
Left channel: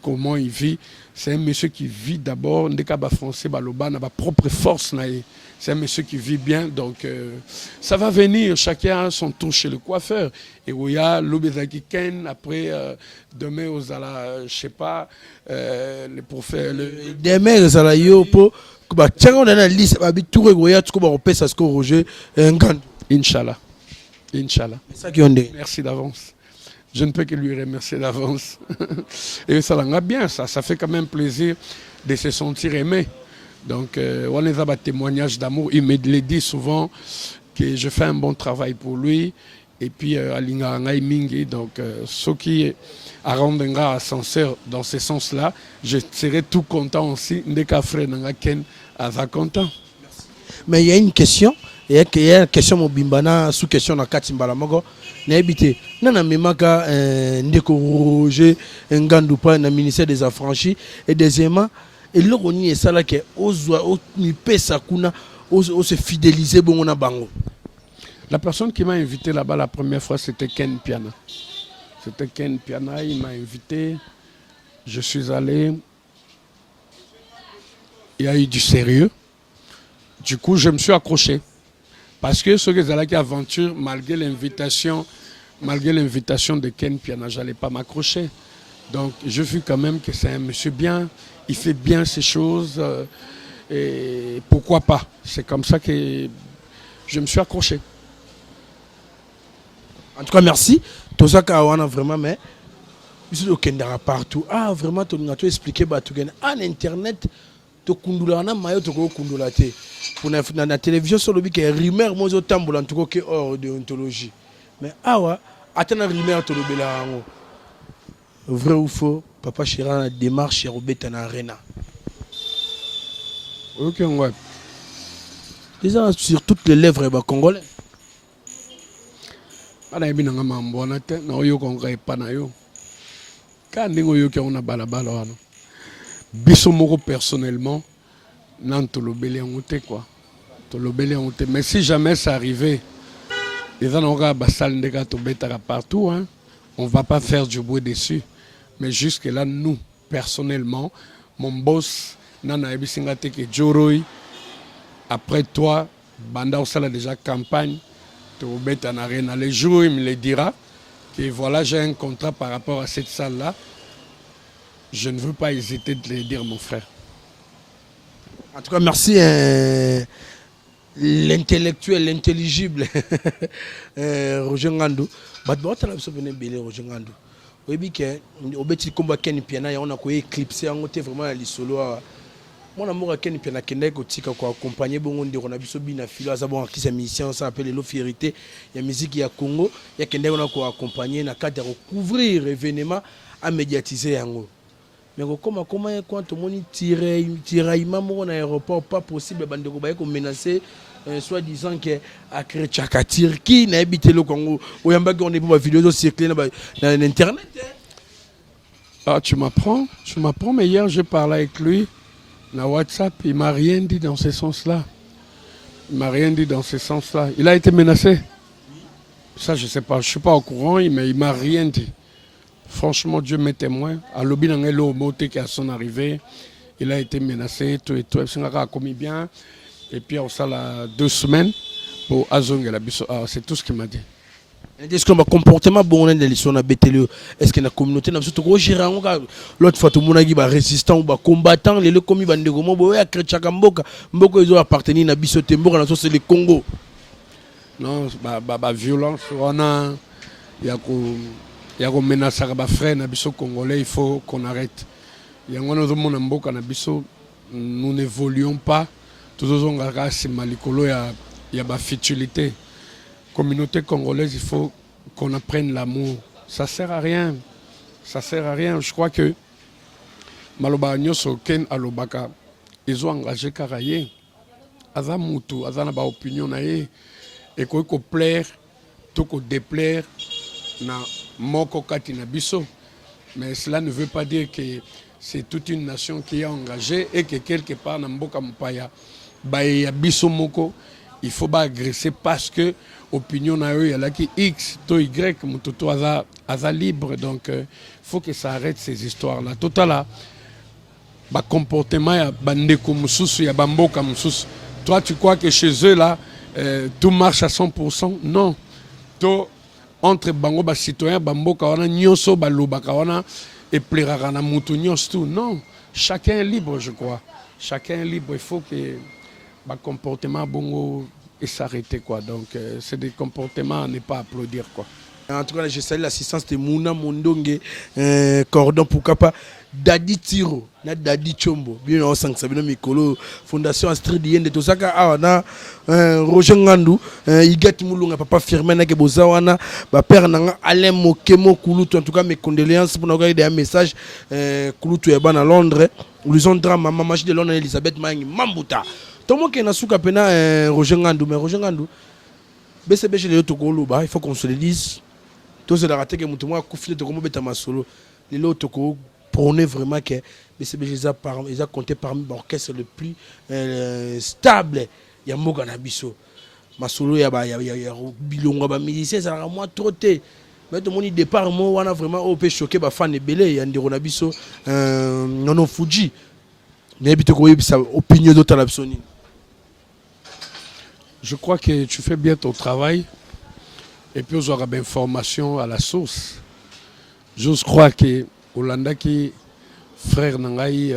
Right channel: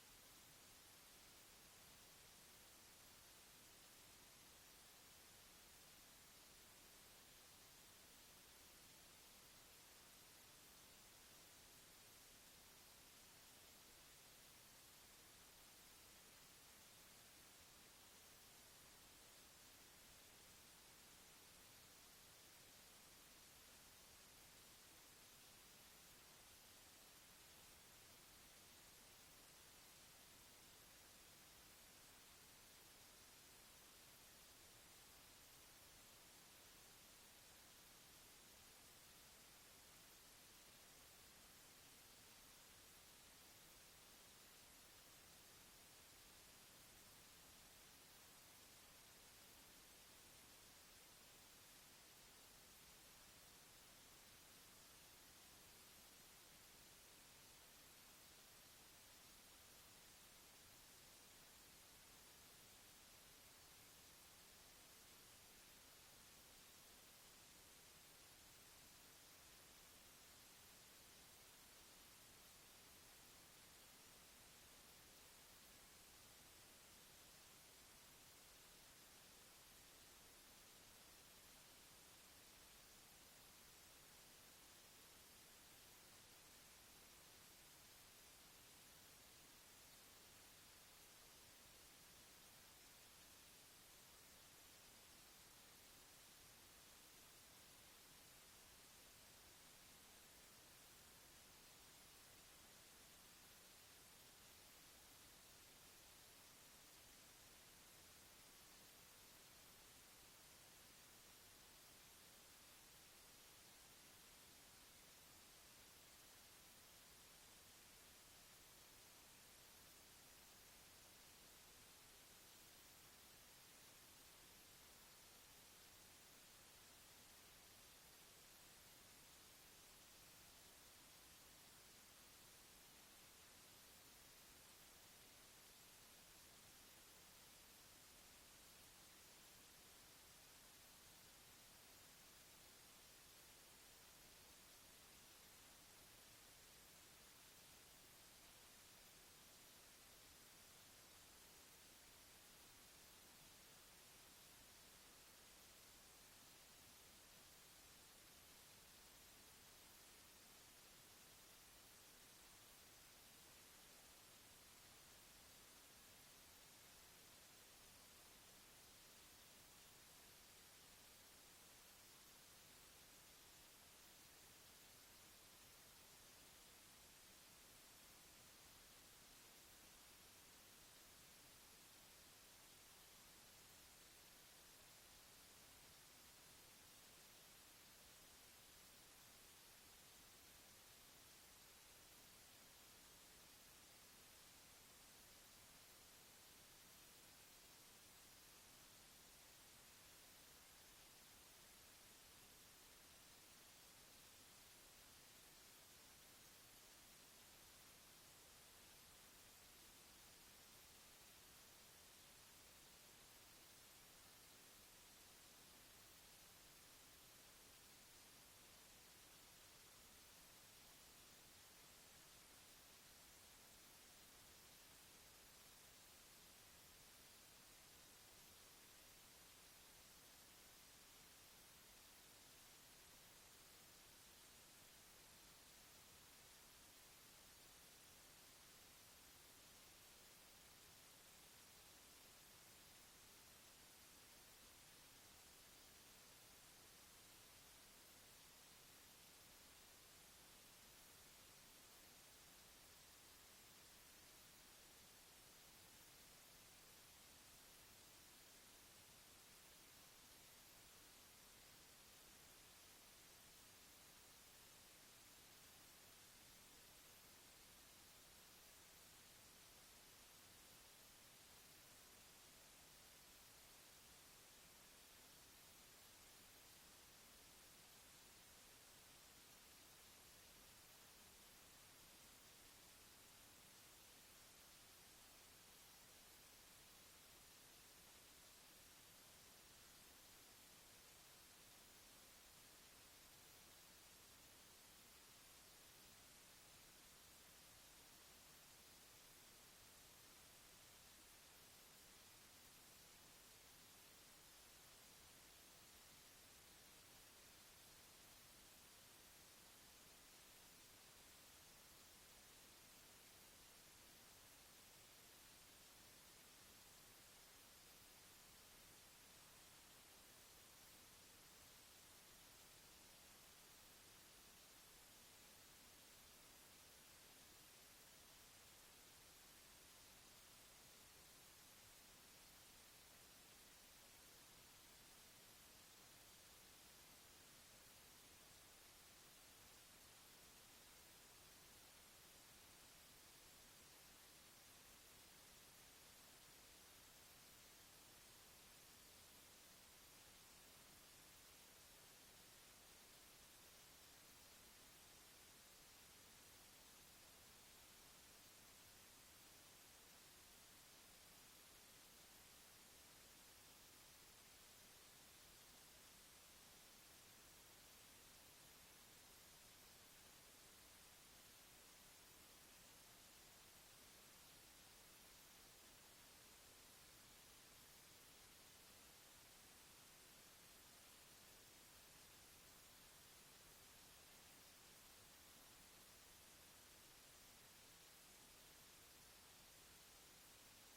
Comment il vit, c'est un monsieur qui vit d'abord, français, sa propre force. C'est un monsieur qui vit bien, donc ça va venir, chacun a son tour chez le coiffeur. Et où il y a l'Obezaki Ken, après demain aux ala, je sais pas, pour faire le. Demain aux ala yo pour tiens on a la liste, tout regoya, tout comme on peut ça ce que Roger Ngandu. Inch'Allah, Inch'Allah. C'est ça qui on dit. Merci d'avance. Je ne peux que lui remercier d'avance. Et ça l'a bien, ça fait quand même plaisir de se sentir aimé. Donc, on a un témoignage d'amour. Il me le dit souvent que je fais un bon travail pour lui. Et puis, donc, ce qui rendra ascenseur dans ce sens-là, je serai tout content aussi. Mais il y a une question. Il y a une question Mobimbana sous question na Katimbala Mogo. N'habité. Nana memaka ndeko Roger Ngandu pa na ministère des Affranchis et deuxièmement et le roni est ça là que ozwa mi pesa kuna o se fidéliser bon na bango. La personne qui m'a invité là-bas la première fois c'était Ken Piana. C'était Ken Piana, il m'a invité. Je suis allé. Il y a eu du sérieux. Du coup, je me suis accroché. Parce que ce que j'ai aventure, malgré l'invitation de Ken Piana, je n'allais pas m'accrocher. Donc, je vis quand même que c'est un monsieur bien, il fait bien ses choses. Et pourquoi pas? C'est comme ça que je me suis accroché. En tout cas, merci. Tout ça, on a vraiment, mais il y a partout. Ah, vraiment, tu as expliqué, en Internet, tu as dit pour la télévision sur le bic rumeur moi en tout cas hors déontologie mais attends la rumeur to lobela vrai ou faux papa Chira la démarche chez Robert na arena OK ouais déjà sur toutes les lèvres ba congolais ana ebinanga mambo na te na oyo konga epa na yo ka ndingo yo ke ona balabala wana biso moko personnellement non, quoi. Mais si jamais ça arrivait, partout, hein, on ne va pas faire du bruit dessus. Mais jusque-là, nous, personnellement, mon boss, Nana Ebisingate Joroy, après toi, Banda Osala déjà campagne, les jours, il me le dira, que voilà, j'ai un contrat par rapport à cette salle-là. Je ne veux pas hésiter de le dire, mon frère. En tout cas, merci l'intellectuel, l'intelligible Roger Ngandu. Roger Ngandu. Oui, que au petit combat Ken Piana, on a éclipsé en côté vraiment les solo. Mon amour à Ken Piana Kende Kotika ko accompagner bon on a biso bina filo azabon qui sa mission ça s'appelle lo fierté. Il y a musique ya Congo, il y a Kende on a ko accompagner na cadre couvrir événement à médiatiser yango. Mais comment quand tout le monde tiraillement mon aéroport pas possible bandeko ba ko menacer soit disant que à créer Tchakatir qui n'a habité le Congo ou yamba on est pour vidéo circuler dans internet. Ah tu m'apprends mais hier j'ai parlé avec lui na WhatsApp, il m'a rien dit dans ce sens-là. Il a été menacé. Ça je sais pas, je suis pas au courant mais il m'a rien dit. Franchement, Dieu m'est témoin. À l'objet d'un moté qui a son arrivée, il a été menacé, tout et tout. Il a commis bien. Et puis, on a 2 semaines pour Azong et la Bisso. C'est tout ce qu'il m'a dit. Est-ce que le comportement bon de l'histoire est-ce que la communauté n'a pas l'autre fois tout le monde a résistant ou combattant les commis bandego boya krechaka mboka ils ont appartenu à Bisso Tembo dans c'est le Congo. Non, violence on a il y a comme menace à frère na biso congolais, il faut qu'on arrête. Il y a un mboka na biso, nous n'évoluons pas Toujours c'est malikolo, il y a ma futilité. Communauté congolaise, il faut qu'on apprenne l'amour. Ça sert à rien. Ça sert à rien. Je crois que Maloba Nyoso Ken Alobaka, ils ont engagé Karaye. Aza Moutou, Aza Naba opinion nae. Et qu'on plaire, tout qu'on déplaire, na moko kati na biso. Mais cela ne veut pas dire que c'est toute une nation qui est engagée et que quelque part na mboka mpaya ya biso moko, il faut pas agresser parce que opinion na eux, il y a qui X, to Y, mutoto aza libre. Donc il faut que ça arrête ces histoires-là. Total là, comportement ya bandeko mususu ya bamboka mususu. Toi tu crois que chez eux là tout marche à 100%? Non. To entre bango ba citoyen bamboka wana nyonso balobaka wana et plaira na mutu nyonso tout. Non, chacun est libre, je crois. Chacun est libre, il faut que le comportement bongo et s'arrêter quoi. Donc c'est des comportements à ne pas applaudir quoi. En tout cas, je salue l'assistance de Mouna Mondonge, Cordon Poukapa, Dadi Tiro, Dadi Chombo, bien au Sansabino Mikolo, Fondation Astrid de Tosaka, Awana, Roger Ngandou, Igat Moulunga, Papa Firmena Kebozawana, Père Nanga, Alain Mokemo, Kouloutou, en tout cas mes condoléances pour nous envoyer des messages, Kouloutou Eban à Londres, Lusondra, Maman de Londres, Elisabeth Mangi, Mambuta. Tout le monde qui est souka pena Roger Ngandou, mais Roger Ngandou, BCB chez les Tokoloba, il faut qu'on se le dise. Tous les ratés que nous avons confié de comment bêta masolo, les autres prônaient vraiment que BCB les a compté parmi l'orchestre le plus stable. Il y a Mogana Bisso, masolo, il y a Bilonga, ba musicien, ça a moins trotté. Mais tout le monde départ, moi, on a vraiment opé choqué, ba fan et belé, il y a Ndiro Bisso, non Fuji. Mais tu as sa opinion d'autre à l'absoni. Je crois que tu fais bien ton travail. Et puis, on aura bien information à la source. J'ose croire que Olanda qui frère Nangaï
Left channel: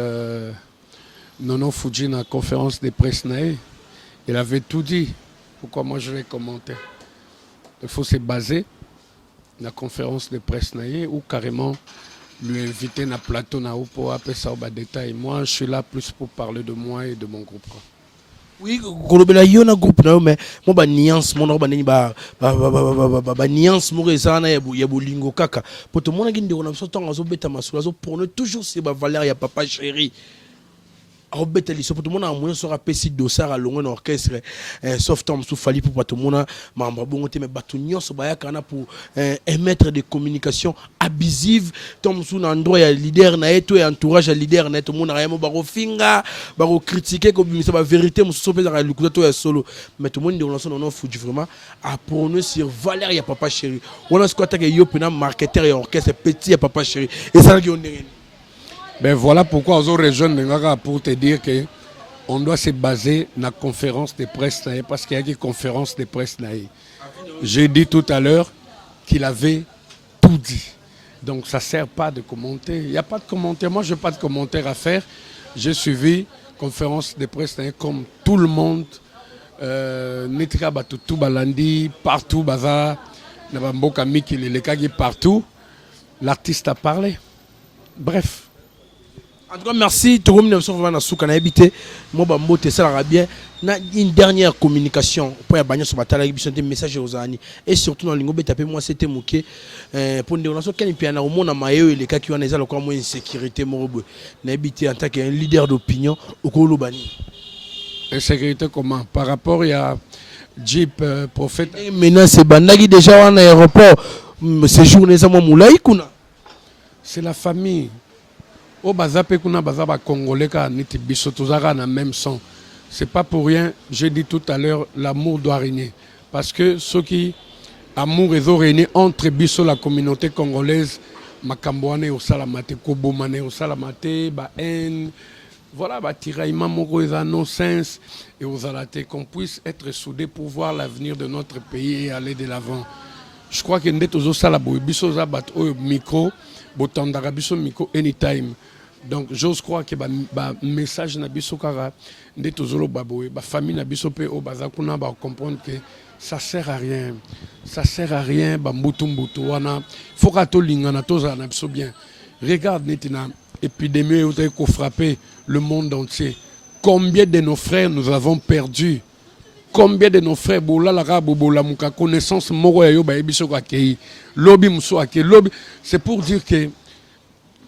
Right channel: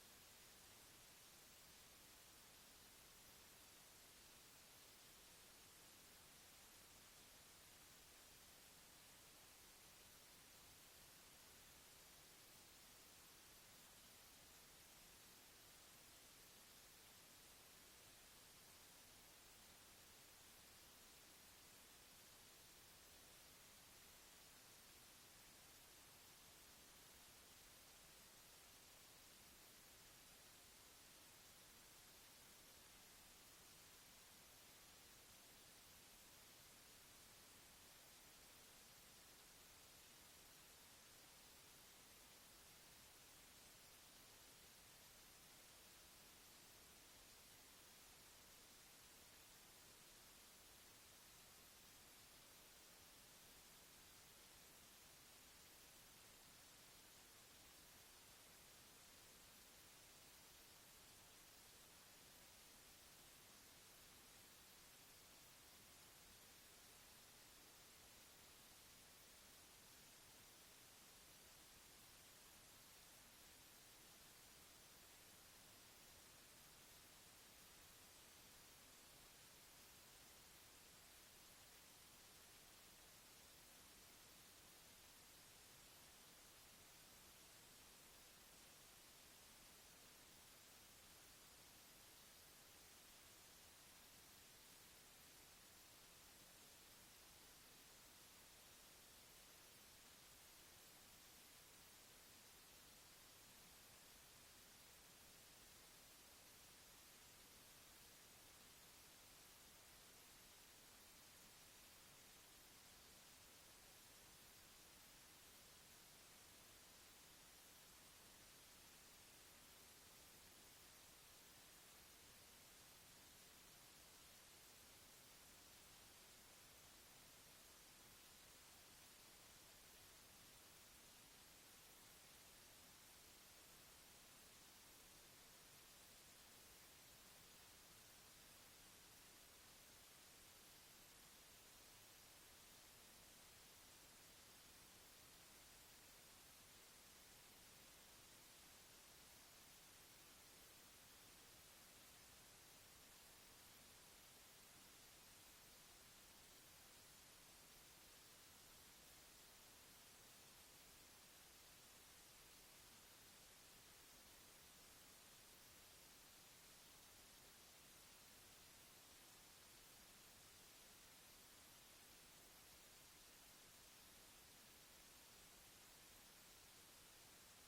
Nono Fuji dans la conférence de presse, il avait tout dit. Pourquoi moi je vais commenter? Il faut se baser dans la conférence de presse ou carrément lui inviter dans le plateau pour appeler ça au détail. Moi, je suis là plus pour parler de moi et de mon groupe. Oui, kolobela yo na groupe na yo mais mo ba nuance mo na ba nini ba nuance mo rezana ya bolingo kaka poto mo na gindi ona so tonga zo beta masula zo pour ne toujours c'est ba valeur ya papa chéri Robert Eliso pour tout le monde a sera pesi dossard à longue orchestre sauf Tom sous Fali pour tout le monde membre bon mais batunion so baya kana pour émettre des communications abusives Tom sous endroit ya leader na eto et entourage ya leader na tout le monde a baro finga baro critiquer comme ça va vérité mo so pesa le coup ya solo mais tout le monde on non Fuji vraiment à prôner sur valeur ya papa chéri on a ce que yo pena marketeur et orchestre petit ya papa chéri et ça qui on est. Ben voilà pourquoi on rejoint pour te dire que on doit se baser dans la conférence de presse parce qu'il y a une conférence de presse. J'ai dit tout à l'heure qu'il avait tout dit. Donc ça ne sert pas de commenter. Il n'y a pas de commentaire. Moi, je n'ai pas de commentaire à faire. J'ai suivi la conférence de presse comme tout le monde. Netika Batutu Balandi, partout, Baza, Nabamboka Miki, les Kagi, partout. L'artiste a parlé. Bref. En tout cas, merci. Tout le monde a habité. Moi, je ça bien. Une dernière communication pour y sur des messages aux amis. Et surtout dans l'ingobé tapé moi c'était mouké pour nous lancer quel piano au monde maillot et les cas qui ont des encore moins insécurité morobo. N'habité en tant qu'un leader d'opinion au Kolobani. Insécurité comment? Par rapport à Jeep Prophète. Maintenant c'est Bandagi déjà en aéroport. Ces journées ça moi moulaï kuna. C'est la famille. Au Bazape kuna Bazaba Congolais ka niti biso tozara na même son. C'est pas pour rien, j'ai dit tout à l'heure, l'amour doit régner. Parce que ce qui amour et régner entre biso la communauté congolaise, Makambouane au Salamate, Kobomane au Salamate, ba haine, voilà, ba tiraillement moko et non-sens et aux alatés, qu'on puisse être soudés pour voir l'avenir de notre pays et aller de l'avant. Je crois que nous sommes tous salabou, biso zabat au micro, botandara biso micro anytime. Donc j'ose croire que le message na biso kara nde tozolo baboye ba famille na biso pe o bazakuna ba comprendre que ça sert à rien. Ça sert à rien ba mbutu wana. Faut ka to lingana toza na biso bien. Regarde netina épidémie qui a frappé le monde entier. Combien de nos frères nous avons perdus? Combien de nos frères la connaissance c'est pour dire que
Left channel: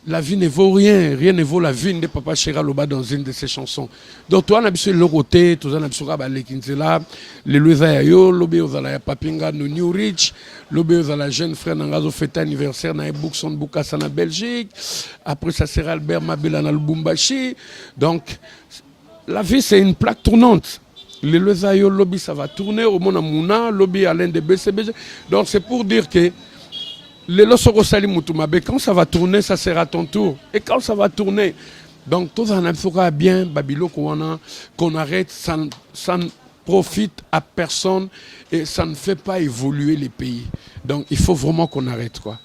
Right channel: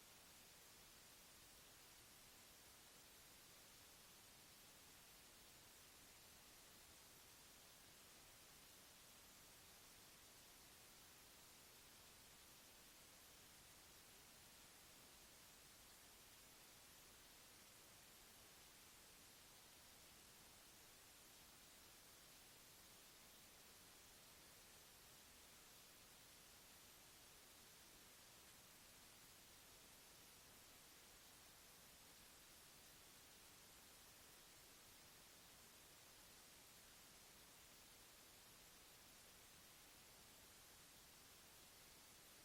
la vie ne vaut rien, rien ne vaut la vie de Papa Chéra Loba dans une de ses chansons. Donc toi on a besoin de l'autre, tout ça on a besoin de l'équinzela, les Louisayo, l'obé aux ala papinga no New Rich, l'obé aux ala jeune frère nangazo fête anniversaire na Boukson Boukassa na Belgique. Après ça sera Albert Mabela na Lubumbashi. Donc la vie c'est une plaque tournante. Les Louisayo lobby ça va tourner au Mona Mouna, lobby à l'un des BCBG. Donc c'est pour dire que les Losoko Sali Moutumabe, quand ça va tourner, ça sera ton tour. Et quand ça va tourner, donc tout ça n'a bien, Babilo qu'on arrête, ça ne profite à personne et ça ne fait pas évoluer les pays. Donc il faut vraiment qu'on arrête quoi.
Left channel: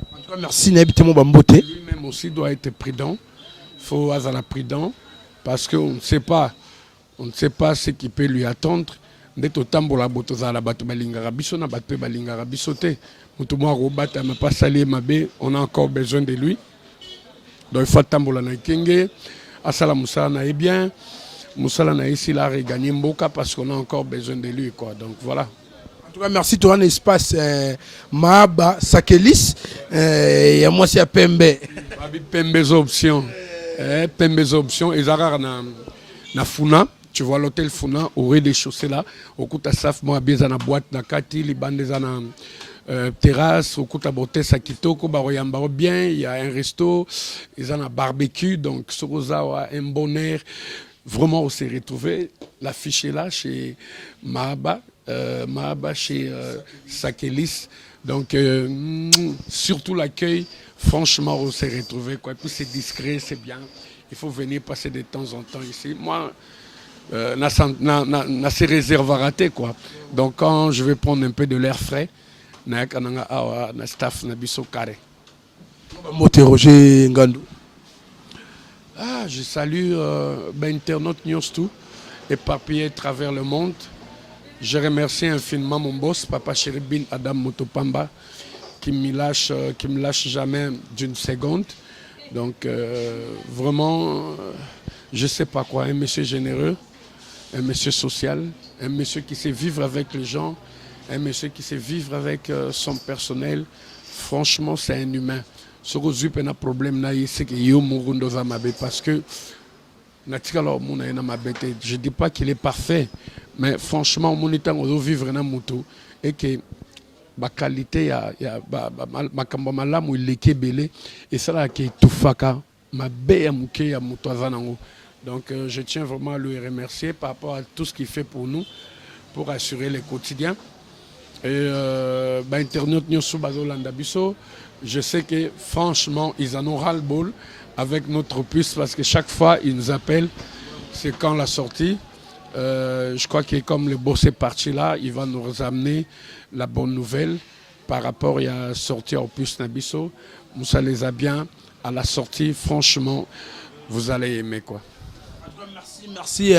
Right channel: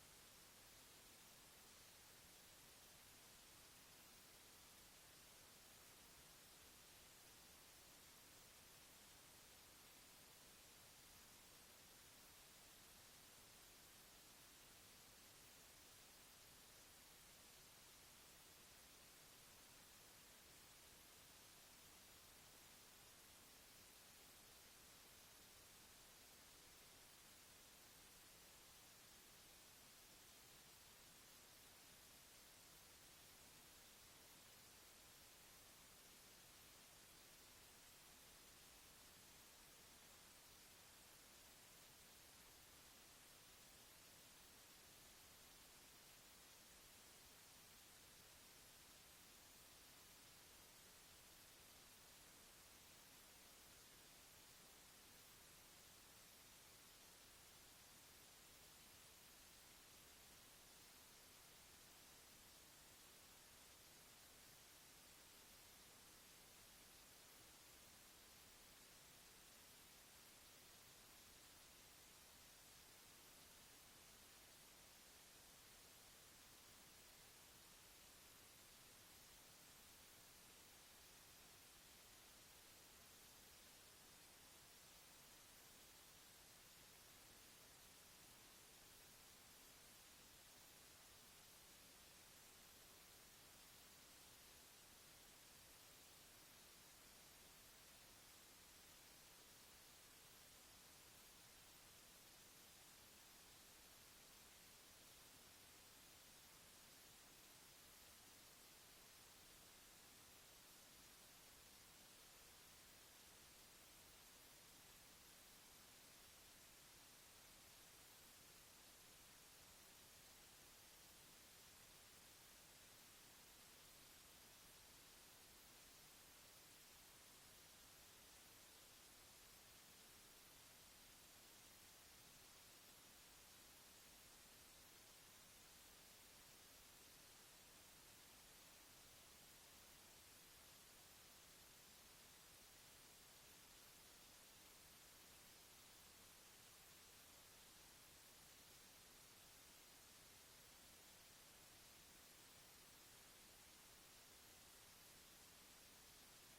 En tout cas, merci Nabitemo Bambote. Lui-même aussi doit être prudent. Il faut être prudent parce qu'on ne sait pas ce qui peut lui attendre. On a encore besoin de lui. Donc il faut tambola na kenge. Asala Moussa na est bien. Moussa na ici là regagner Mboka parce qu'on a encore besoin de lui quoi. Donc voilà. En tout cas, merci pour un espace Mahaba Sakelis. Et moi c'est à Pembe. Pembe's option. Pembe's option. Et Zara na Funa. Tu vois l'hôtel Funa au rez-de-chaussée là. Au coup ta saf moi bien na boîte na kati li bande na terrasse au coup ta beauté sa kitoko baroyamba bien, il y a un resto, ils ont un barbecue donc Soroza un bon air. Vraiment on s'est retrouvé l'affiche est là chez Mahaba chez Sakelis. Donc surtout l'accueil, franchement on s'est retrouvé quoi. Puis c'est discret, c'est bien. Il faut venir passer de temps en temps ici. Moi n'a ses réserves à rater quoi. Donc quand je vais prendre un peu de l'air frais, na staff na biso carré. Roger Ngandou. Ah, je salue internautes News tout éparpillés à travers le monde. Je remercie infiniment mon boss Papa Chéribin Adam Motopamba qui me lâche jamais d'une seconde. Donc vraiment je sais pas quoi, un monsieur généreux, un monsieur social, un monsieur qui sait vivre avec les gens, un monsieur qui sait vivre avec son personnel. Franchement, c'est un humain. Ce que j'ai un problème, c'est que parce que je ne dis pas qu'il est parfait, mais franchement, mon état on vivre dans moto et que ma qualité ma kambama il est belé et ça là qui tout faka ma belle mouké à moto azanango. Donc je tiens vraiment à lui remercier par rapport à tout ce qu'il fait pour nous, pour assurer le quotidien. Et Internet Nyosu Bazolanda Bisso, je sais que franchement, ils en ont ras-le-bol avec notre puce parce que chaque fois, ils nous appellent, c'est quand la sortie. Je crois que comme le boss est parti là, il va nous amener la bonne nouvelle par rapport à la sortie au puce Nabisso. Moussa les a bien à la sortie, franchement, vous allez aimer quoi. Merci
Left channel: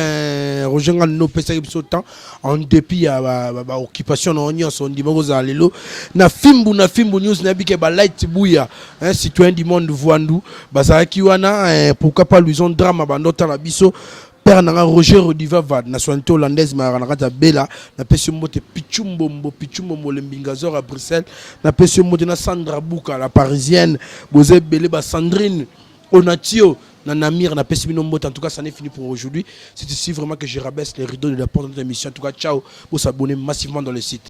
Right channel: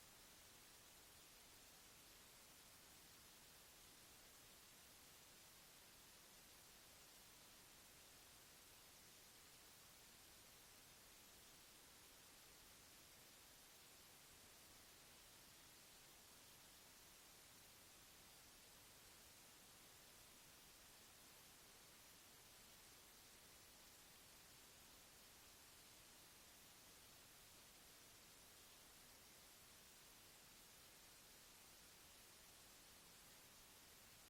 Roger Ngandou pesa biso temps en dépit à ba occupation on y on dit moza lelo na fimbu news na bike ba light buya un citoyen du monde voandu bazaki wana pourquoi pas lui ont drama ba nota na biso père na Roger Rodivava nationalité hollandaise ma na bela na pesi mbote pichumbo lembingazor à Bruxelles na pesi mbote na Sandra Bouka la parisienne boze belé ba Sandrine Onatio Namir n'a pas si en tout cas ça n'est fini pour aujourd'hui. C'est ici vraiment que je rabaisse les rideaux de la porte de l'émission. En tout cas ciao pour s'abonner massivement dans le site.